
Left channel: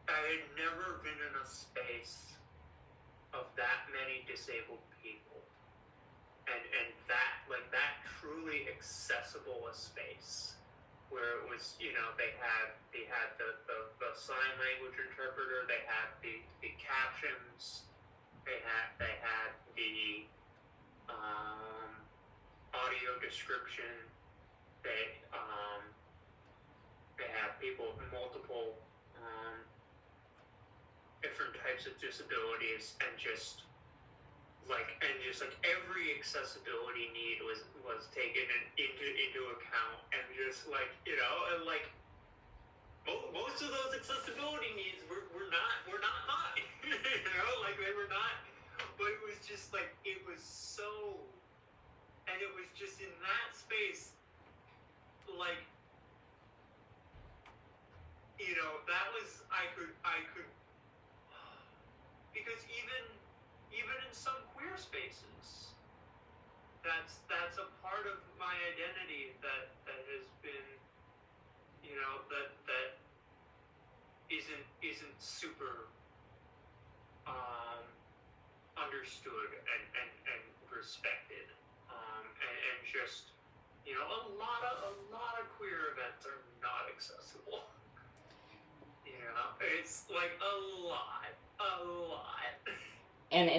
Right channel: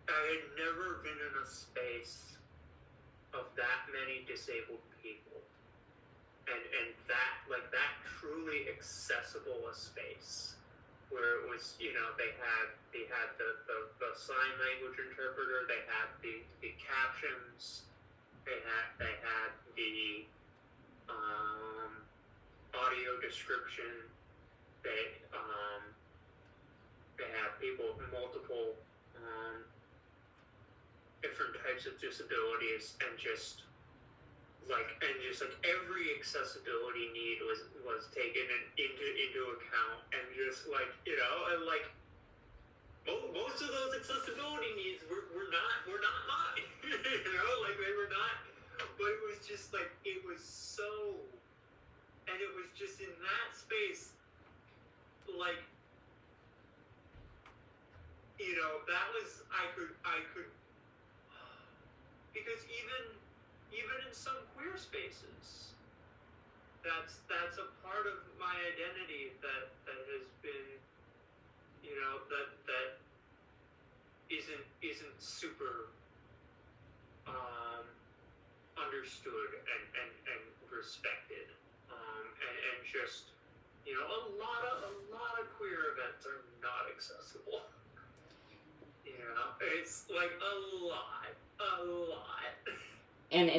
I had never been in a space of that many disabled people, and that truly accessible a space, where it was, they had the sign language interpreter, they had the captions, they had the audio description, they had people with multiple different types of disabilities, and just like every accessibility need was taken into account, and just like, and like most of those accessibility needs were not mine. Like they were not, but it was just like, it was so, and it was just in that space, like, that was, I could, because even in some queer spaces, that's a part of my identity that has been, that isn't super understood and respected, and just, a lot of queer events are not accessible. It's like a lot. And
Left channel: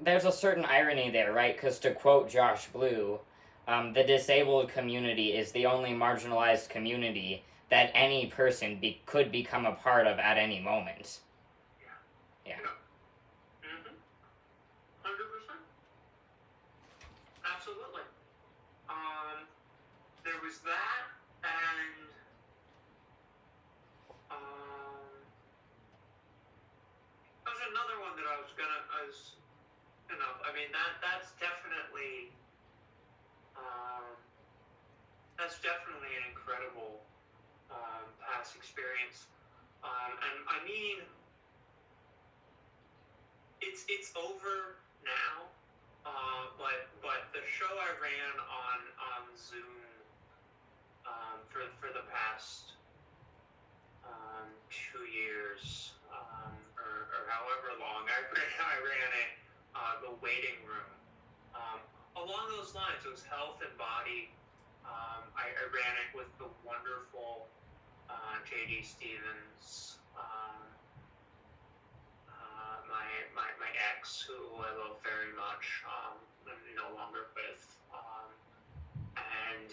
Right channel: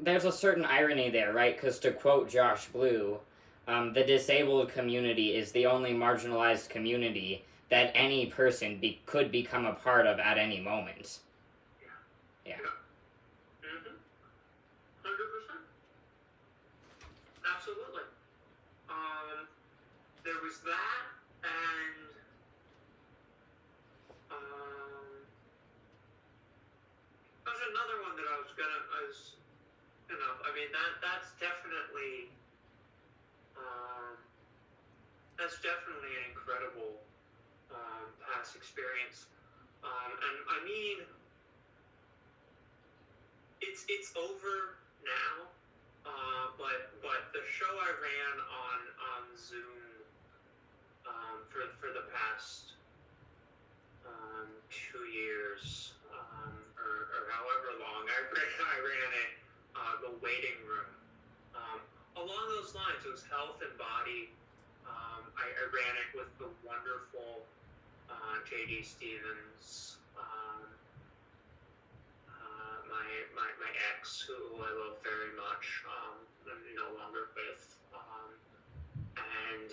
there's a certain irony there, right? Because to quote Josh Blue, the disabled community is the only marginalized community that any person could become a part of at any moment. Yeah. 100%. Absolutely. There was that, and that was another one that I that's definitely an incredible past experience, and I mean, it's over now, but the show I ran on Zoom for the past 2 years, or however long I ran it, the waiting room. Along those lines, it was health and body. I ran it with the wonderful J.D. Stevens, my ex, who I love very much, I'm no longer with, and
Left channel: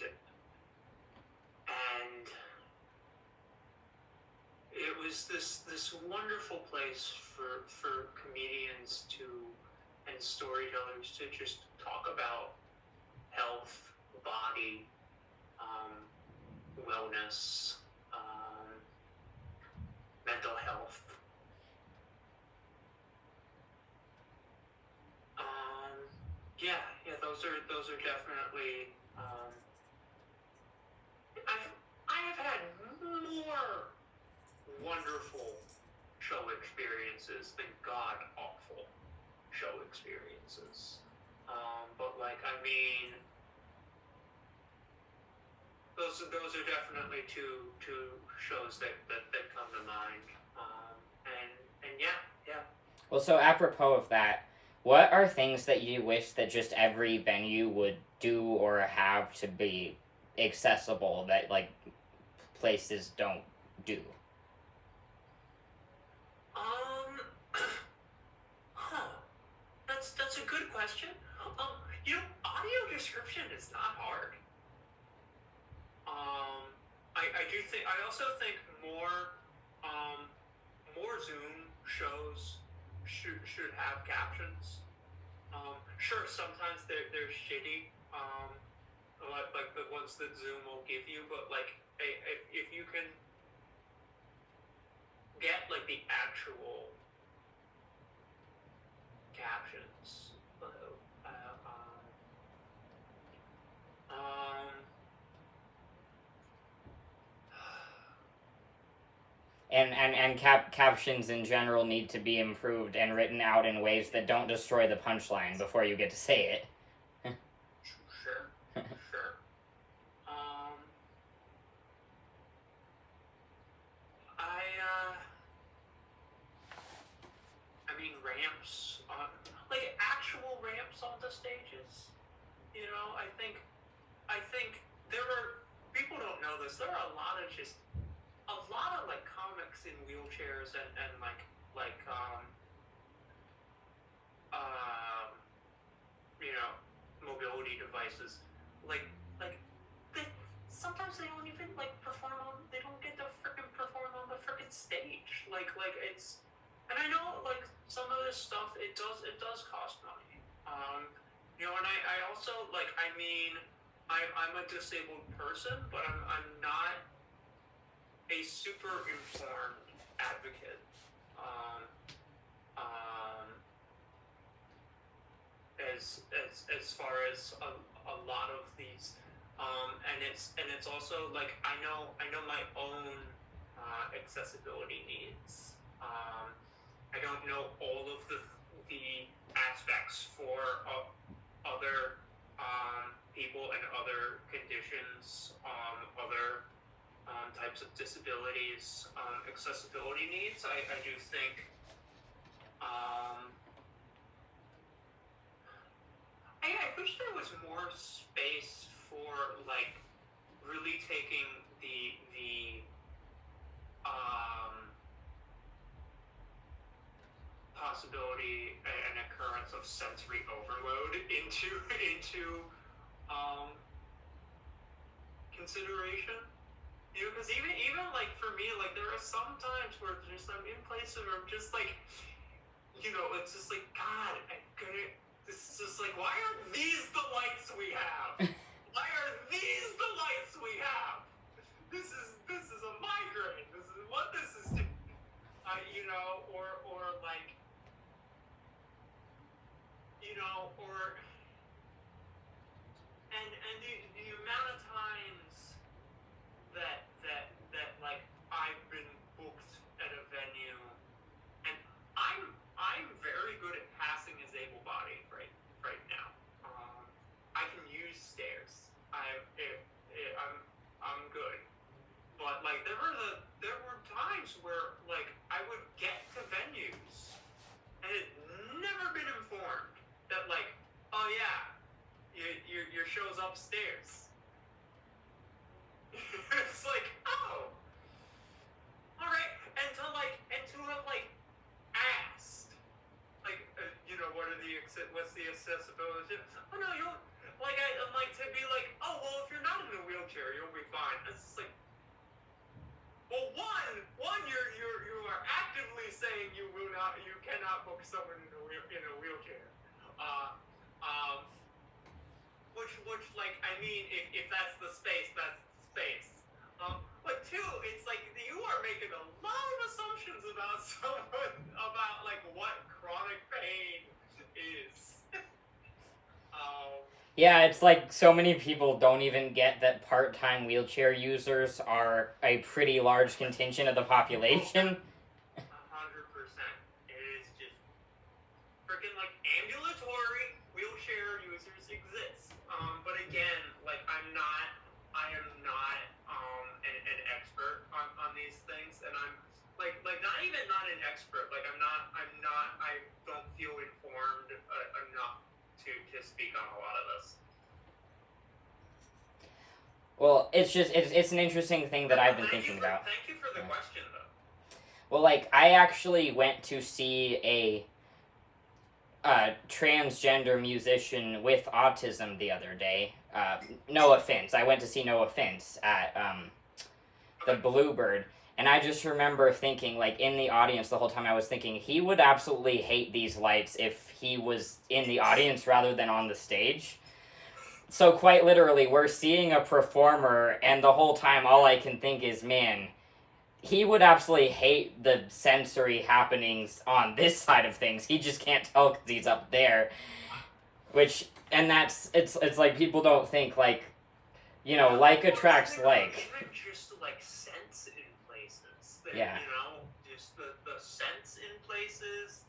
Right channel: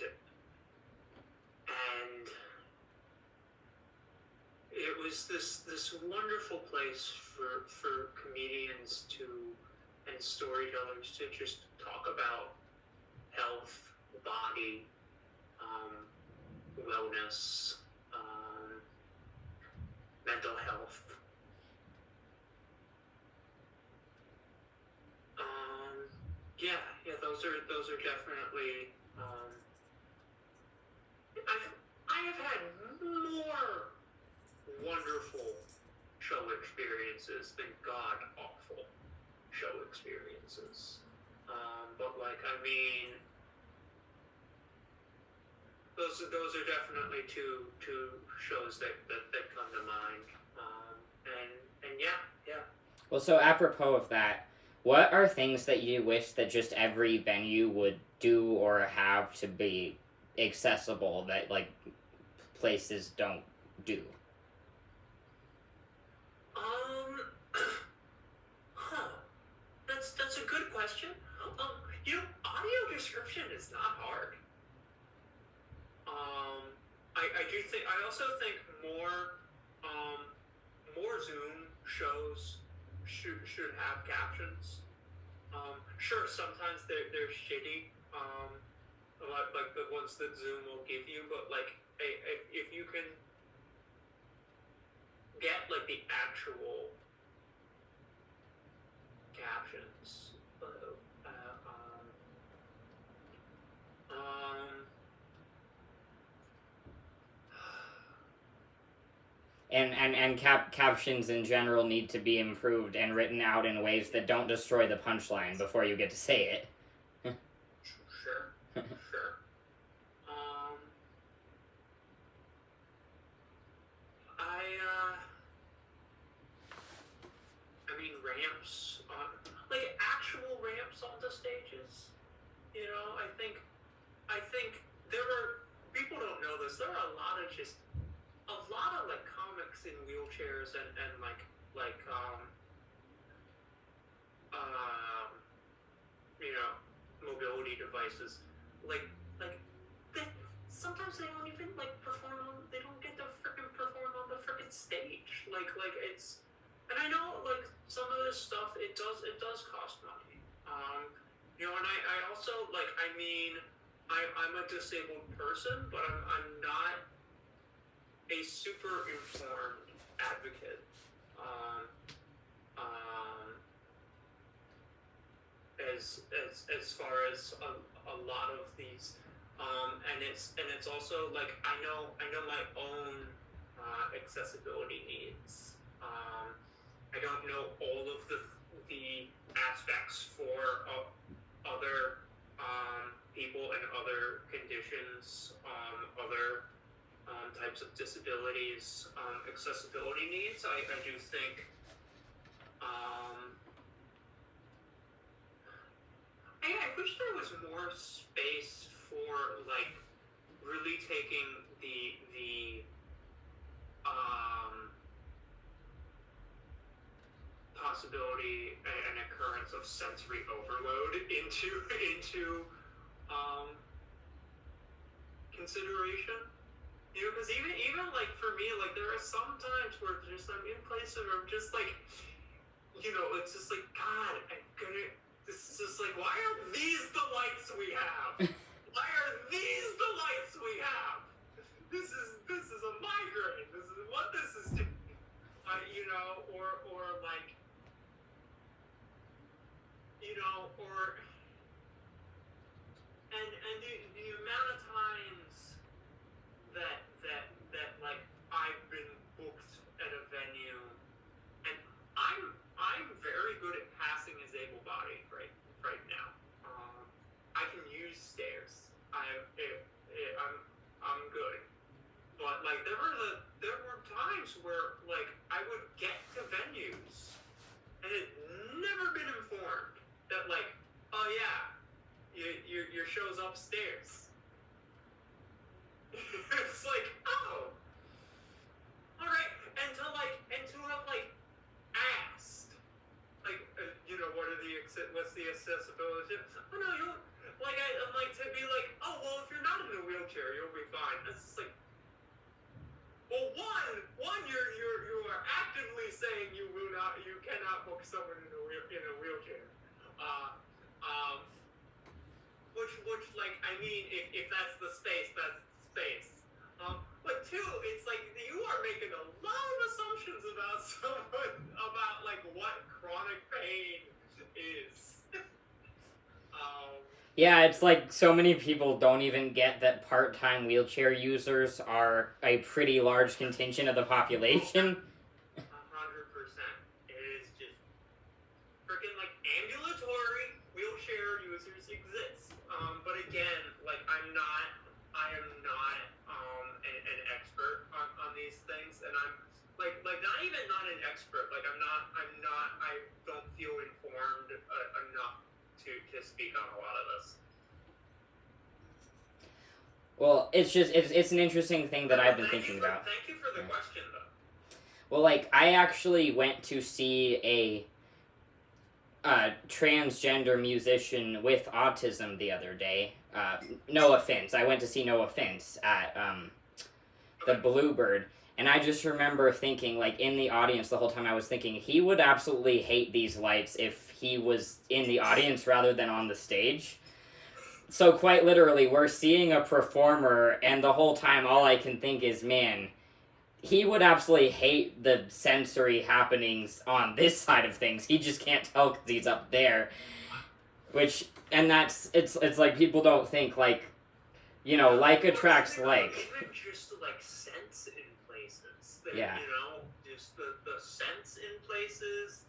it was this wonderful place for comedians and storytellers to just talk about health, body, wellness, mental health. Those are definitely. I have had more wonderful show experiences than god awful show experiences. But like, I mean, those are definitely two shows that come to mind. And yeah. Well, so apropos of that, what are things that you wish that just every venue would do or have to be accessible that like places don't do? That's a good question. Audio description is not hard. I also think more Zoom shows should have captions. Sure, sometimes they're shitty, like the ones that Zoom will give you, but like if you can get like the actual captions. And captions in general need to be improved and written out in ways that don't destroy the punchline before you get to say it. Sure. Sure. I mean, ramps, like actual ramps on the stages. You know, I think there are, people don't know this, there are a lot of like comics in wheelchairs and you know, mobility devices. Like they, sometimes they don't even like perform on, they don't get to frickin' perform on the frickin' stage. Like it's, and I know like some of this stuff, it does cost money. You know, and I also like, I mean, I'm a disabled person, but I'm not a super informed advocate. As far as a lot of these, and it's also like, I know my own accessibility needs. I don't know all of the aspects for other people and other conditions, other types of disabilities, accessibility needs. I do think I wish there was more space for like really taking the possibility and occurrence of sensory overload into consideration. You know, because even like for me, like there are some times where just I'm in places where I'm just like, you know, it's just like, God, I couldn't. This is just like, why are these the lights we have? Why are these the lights we have? This is a migraine. This is what this is doing. You know, or like, you know, or and the amount of times that like I've been booked at a venue, and I'm very good at passing as able-bodied right now. I can use stairs. I'm good. But like there were times where like I would get to venues and had never been informed that like, oh yeah, your show's upstairs. It's like, oh, all right, and to have like asked, like, you know, what's the accessibility? Oh no, you'll like, I'm like, to be like, oh well, if you're not in a wheelchair, you'll be fine. It's just like, well, one, you are actively saying you cannot book someone in a wheelchair. Which like, I mean, if that's the space, that's the space. But two, it's like you are making a lot of assumptions about someone, about like what chronic pain is. Yeah, it's like so many people don't even get that part-time wheelchair users are a pretty large contingent of the population. 100%. It is just freaking like ambulatory wheelchair users exist. But again, like I am not an expert on these things, and I'm like not even not an expert. Like I don't feel informed enough to speak on a lot of this. Well, it's an interesting thing that I've been thinking about. Thank you for the question, though. Well, like, I actually went to see a transgender musician with autism the other day. No Offense. I went to see No Offense at the Bluebird. And I just remember thinking, like, in the audience the whole time, I was thinking, he would absolutely hate these lights if he was in the audience rather than on the stage. So quite literally, we're seeing a performer, and the whole time all I can think is, man, he would absolutely hate the sensory happenings on this side of things. He just can't tell because he's up there. Which, and that's, it's like people don't think, like, you know, like attracts like. Even just like sense in places. Yeah. You know, just the scents in places,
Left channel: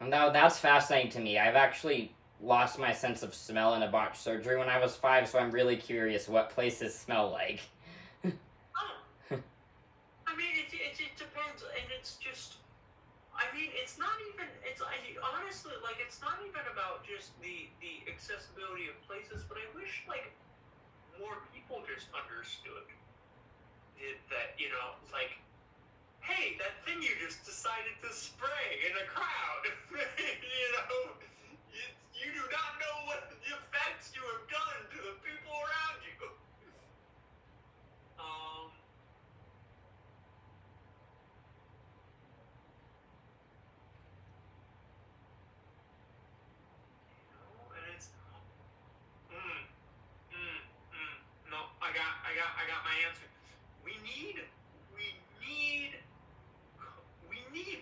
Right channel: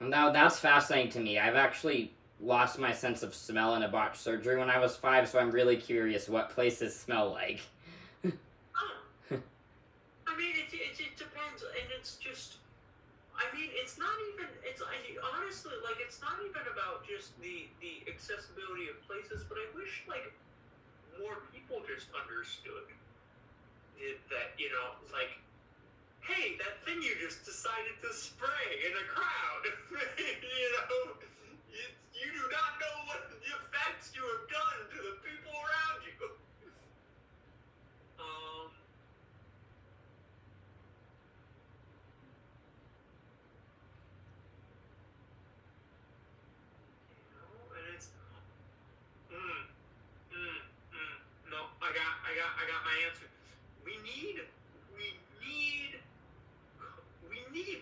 And that's fascinating to me. I've actually lost my sense of smell in a botched surgery when I was 5, so I'm really curious what places smell like. I mean, it depends, and it's just, I mean, it's not even, honestly, like, it's not even about just the accessibility of places, but I wish, like, more people just understood that, you know, like, hey, that thing you just decided to spray in a crowd, you know, you do not know what the effects you have done to the people around you. And it's, no, I got my answer. We need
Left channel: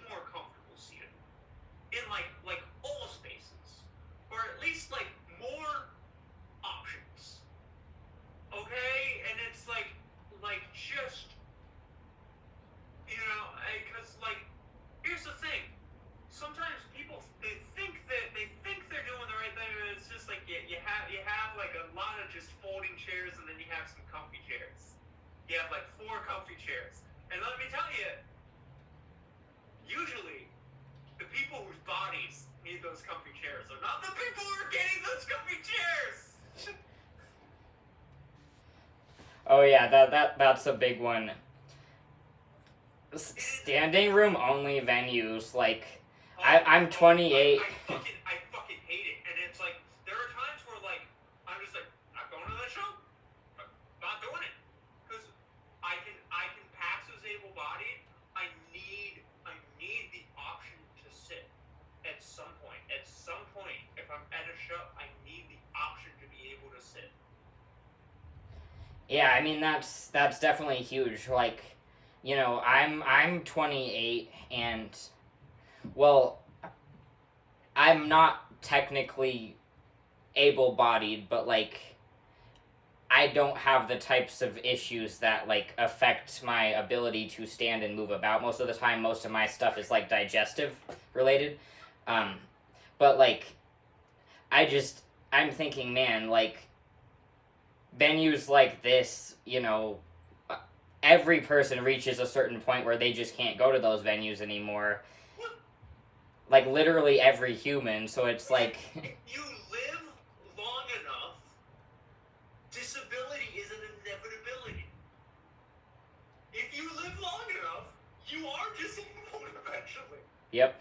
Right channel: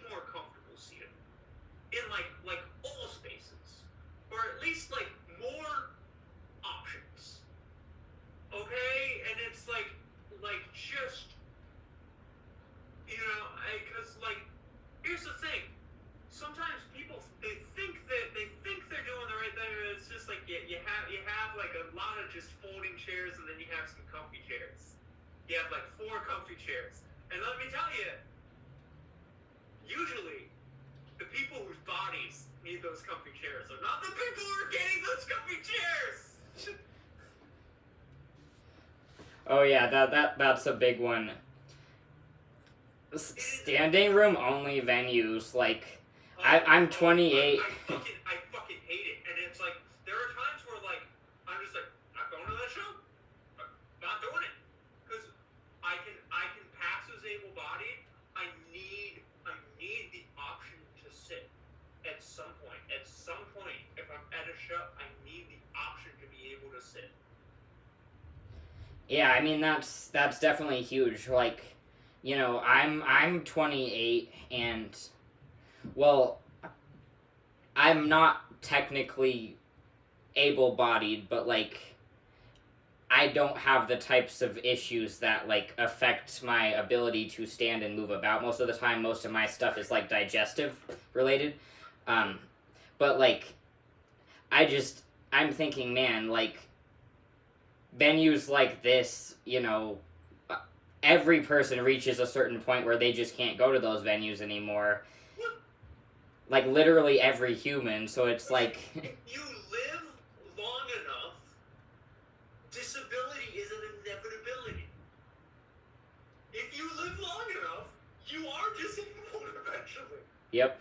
more comfortable seating in like all spaces, or at least like more options. Okay, and it's like just, you know, because like here's the thing. Sometimes people they think they're doing the right thing, and it's just like you have like a lot of just folding chairs, and then you have some comfy chairs. You have like 4 comfy chairs, and let me tell you, usually the people whose bodies need those comfy chairs are not the people who are getting those comfy chairs. Oh yeah, that's a big one. Standing room only venues, like, I'm 28. I fucking hate it, and it's like there are times where like I'm just like, not going to the show, I'm not doing it, because I can pass as able-bodied. I need the option to sit at some point. At some point, if I'm at a show, I need the option to be able to sit. Yeah, I mean that's definitely huge. Like, you know, I'm 28, and well, I'm not technically able-bodied, but like I don't have the types of issues that like affect my ability to stand and move about most of the time. Most of my stuff is like digestive related. But like I'm thinking, man, like venues like this, you know, every person reaches a certain point where they just can't go to those venues anymore. Like literally every human, so it's like you live long enough, disability is an inevitability. If you live long enough, you are disabled eventually. Yep.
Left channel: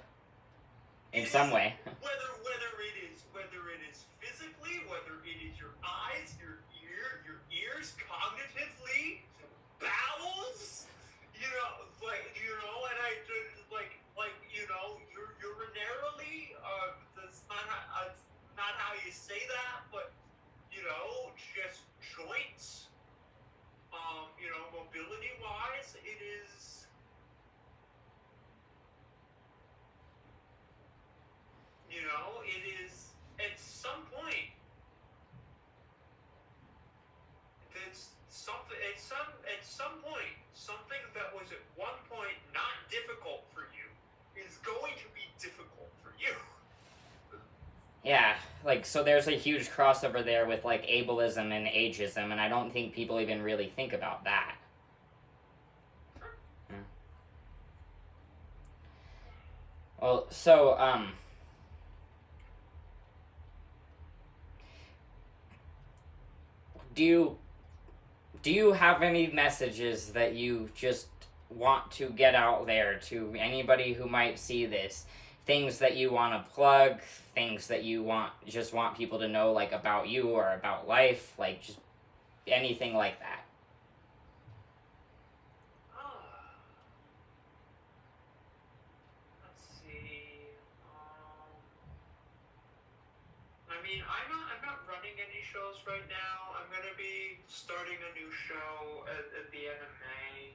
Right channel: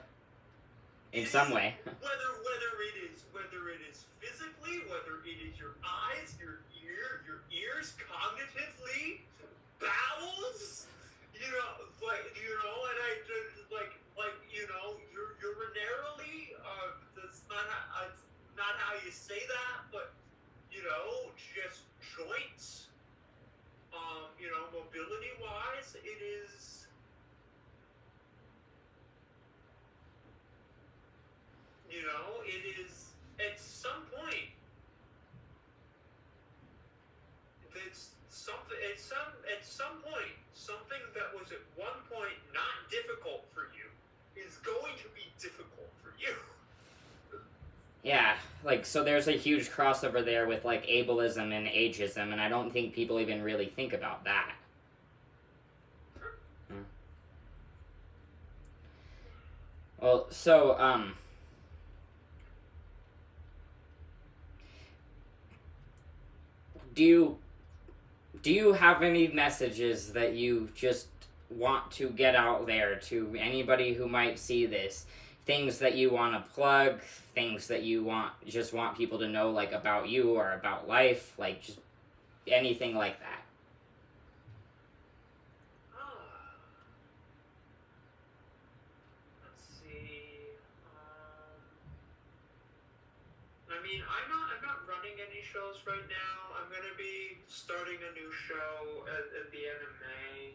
In some way. Whether it is physically, whether it is your eyes, your ears, cognitively, bowels, you know, and I like you know, urinarily. That's not how you say that, but you know, just joints. You know, mobility wise, it is. You know, it is at some point. It's something at some point, something that was at one point not difficult for you is going to be difficult for you. Yeah, like, so there's a huge crossover there with like ableism and ageism, and I don't think people even really think about that. Well, so do you have any messages that you just want to get out there to anybody who might see this? Things that you want to plug, things that you want people to know, like, about you or about life, like, just anything like that. Let's see. I mean, I'm not running any shows right now. I'm gonna be starting a new show at the end of May.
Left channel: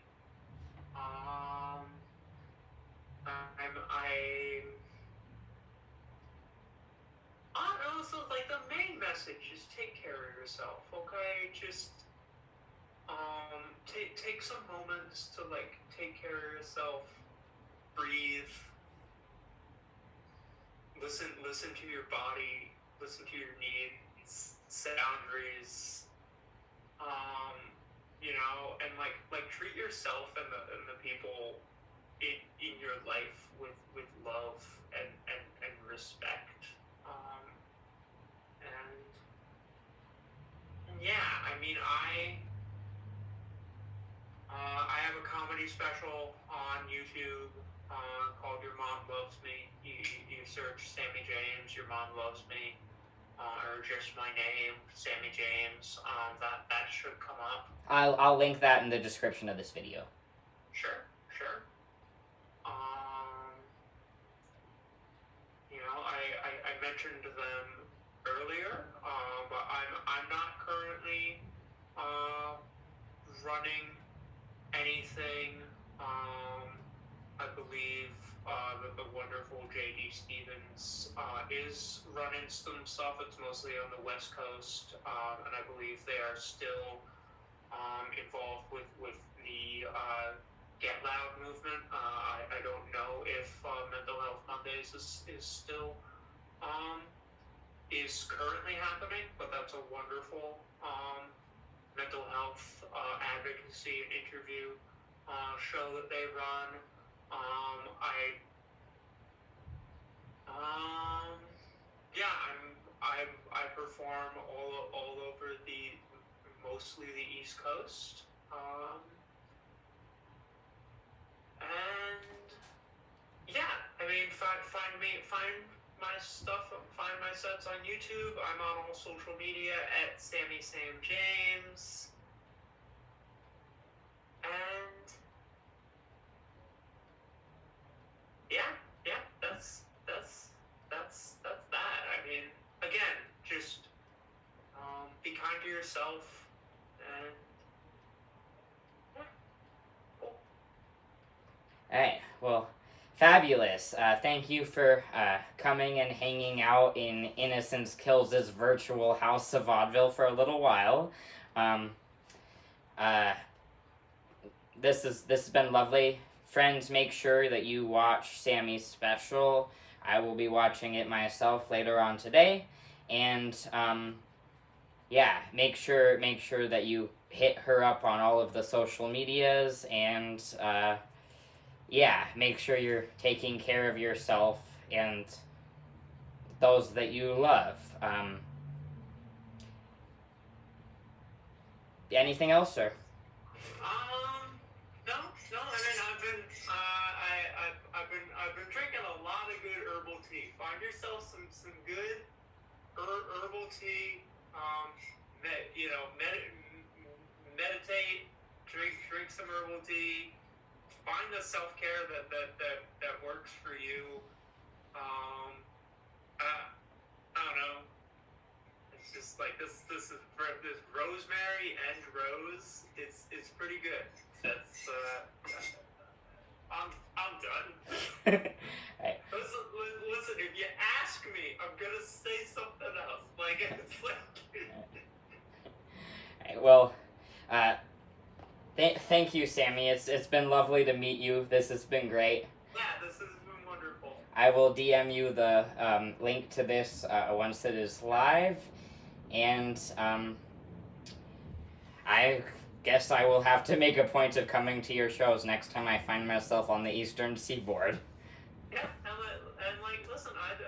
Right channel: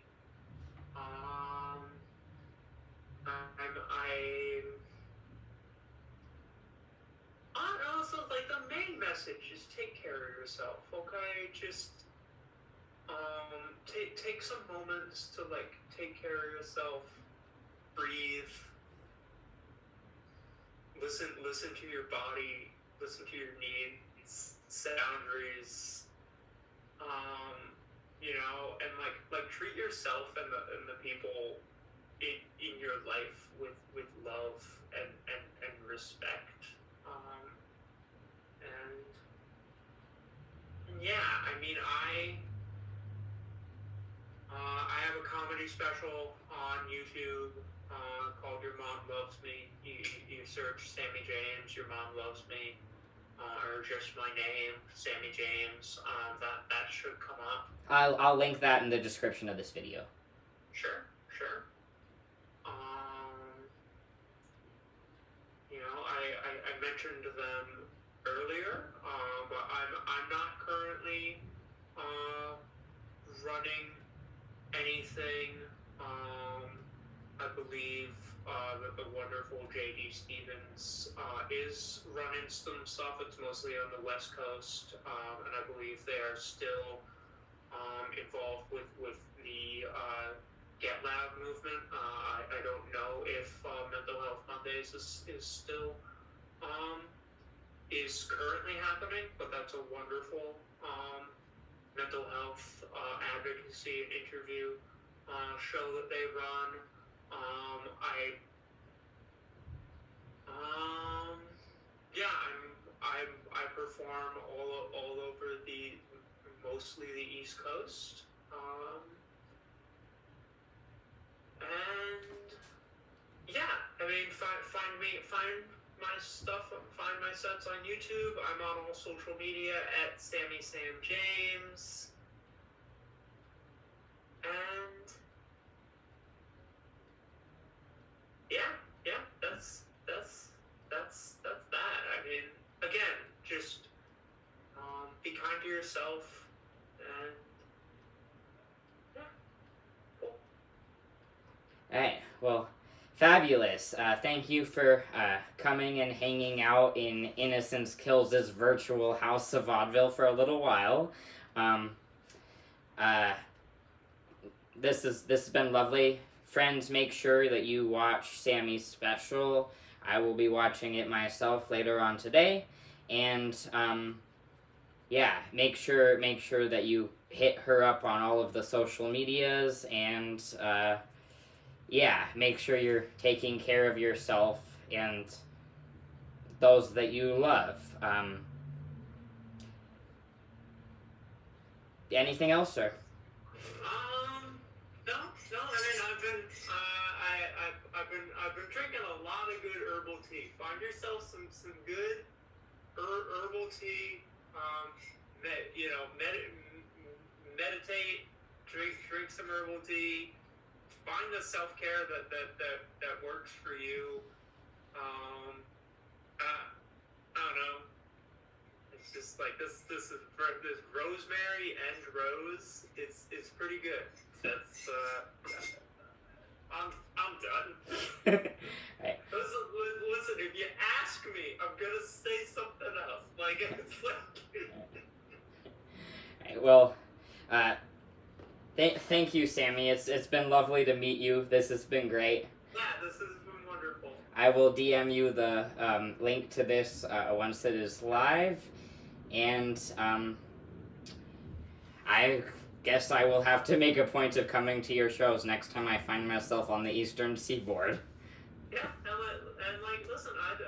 Also, like, the main message is take care of yourself, okay? Just, take some moments to like take care of yourself, breathe, listen to your body, listen to your needs, boundaries, you know, and like treat yourself and the people in your life with love and respect. And yeah, I mean, I have a comedy special on YouTube called Your Mom Loves Me. You search Sammie James, Your Mom Loves Me, or just my name, Sammie James. That should come up. I'll link that in the description of this video. Sure. You know, I mentioned them earlier, but I'm not currently running anything. I believe that the wonderful J.D. Stevens is running some stuff. It's mostly on the West Coast, and I believe they are still involved with the Get Loud movement. I don't know if Mental Health Mondays is still is currently happening, but that's a wonderful mental health advocacy and interview show that they run. I perform all over mostly the East Coast. And yeah, I mean, find my stuff, find my sets on YouTube. I'm on all social media at Sammie Sam James. And yeah, that's that. I mean, again, just be kind to yourself and yeah, cool. All right, well, fabulous. Thank you for coming and hanging out in Innocence Kills' virtual house of vaudeville for a little while. This has been lovely. Friends, make sure that you watch Sammie's special. I will be watching it myself later on today. And yeah, make sure that you hit her up on all of the social medias, and yeah, make sure you're taking care of yourself and those that you love. Anything else, sir? No. I mean, I've been drinking a lot of good herbal tea. Find yourself some good herbal tea. Meditate. Drink some herbal tea. Find the self-care that works for you. I don't know. It's just like this rosemary and rose. It's pretty good. That's I'm done. Right. Listen, if you ask me, I'm gonna say something else. Like it's like. Right, well, thank you, Sammie. It's been lovely to meet you. This has been great. Yeah, this has been wonderful. I will DM you the link to this once it is live, and I guess I will have to make a point of coming to your shows next time I find myself on the Eastern Seaboard. Yeah, and like, listen, I do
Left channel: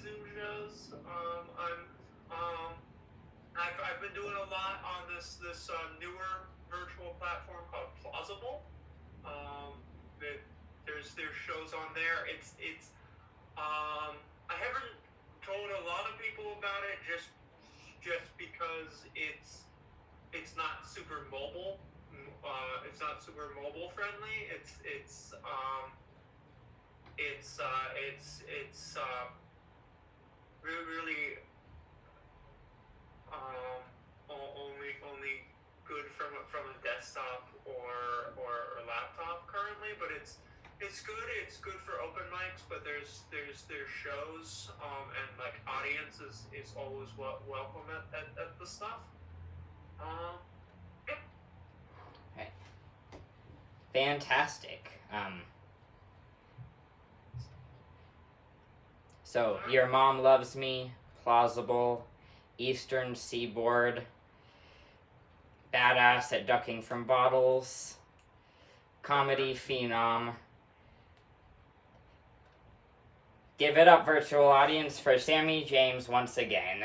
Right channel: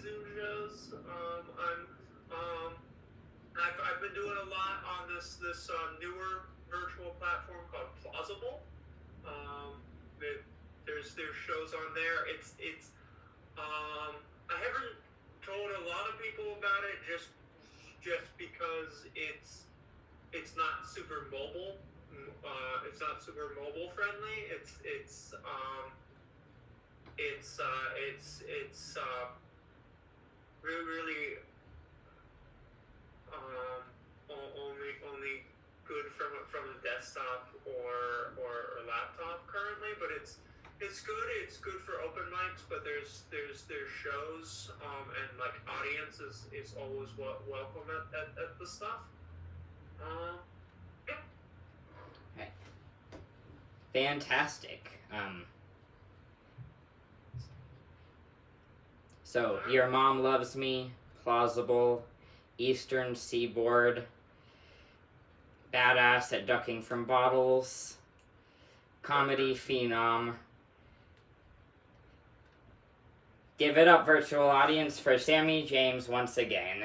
Zoom shows. I've been doing a lot on this newer virtual platform called Plausible. There's shows on there. It's I haven't told a lot of people about it just because it's not super mobile. It's not super mobile friendly. It's really only good from a desktop or laptop currently, but it's good. It's good for open mics, but there's shows and like audience is always welcome at the stuff. Yep. Fantastic. So, your mom loves me, plausible, Eastern Seaboard, badass at ducking from bottles, comedy phenom. Give it up, virtual audience, for Sammie James once again.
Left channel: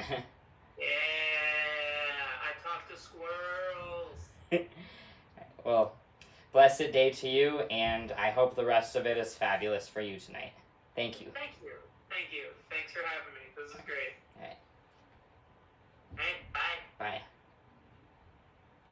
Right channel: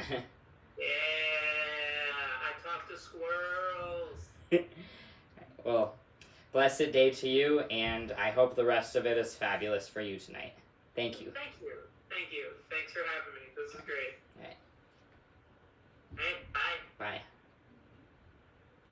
Yeah, I talk to squirrels. Well, blessed day to you, and I hope the rest of it is fabulous for you tonight. Thank you. Thank you. Thanks for having me. This is great. All right. All right, bye. Bye.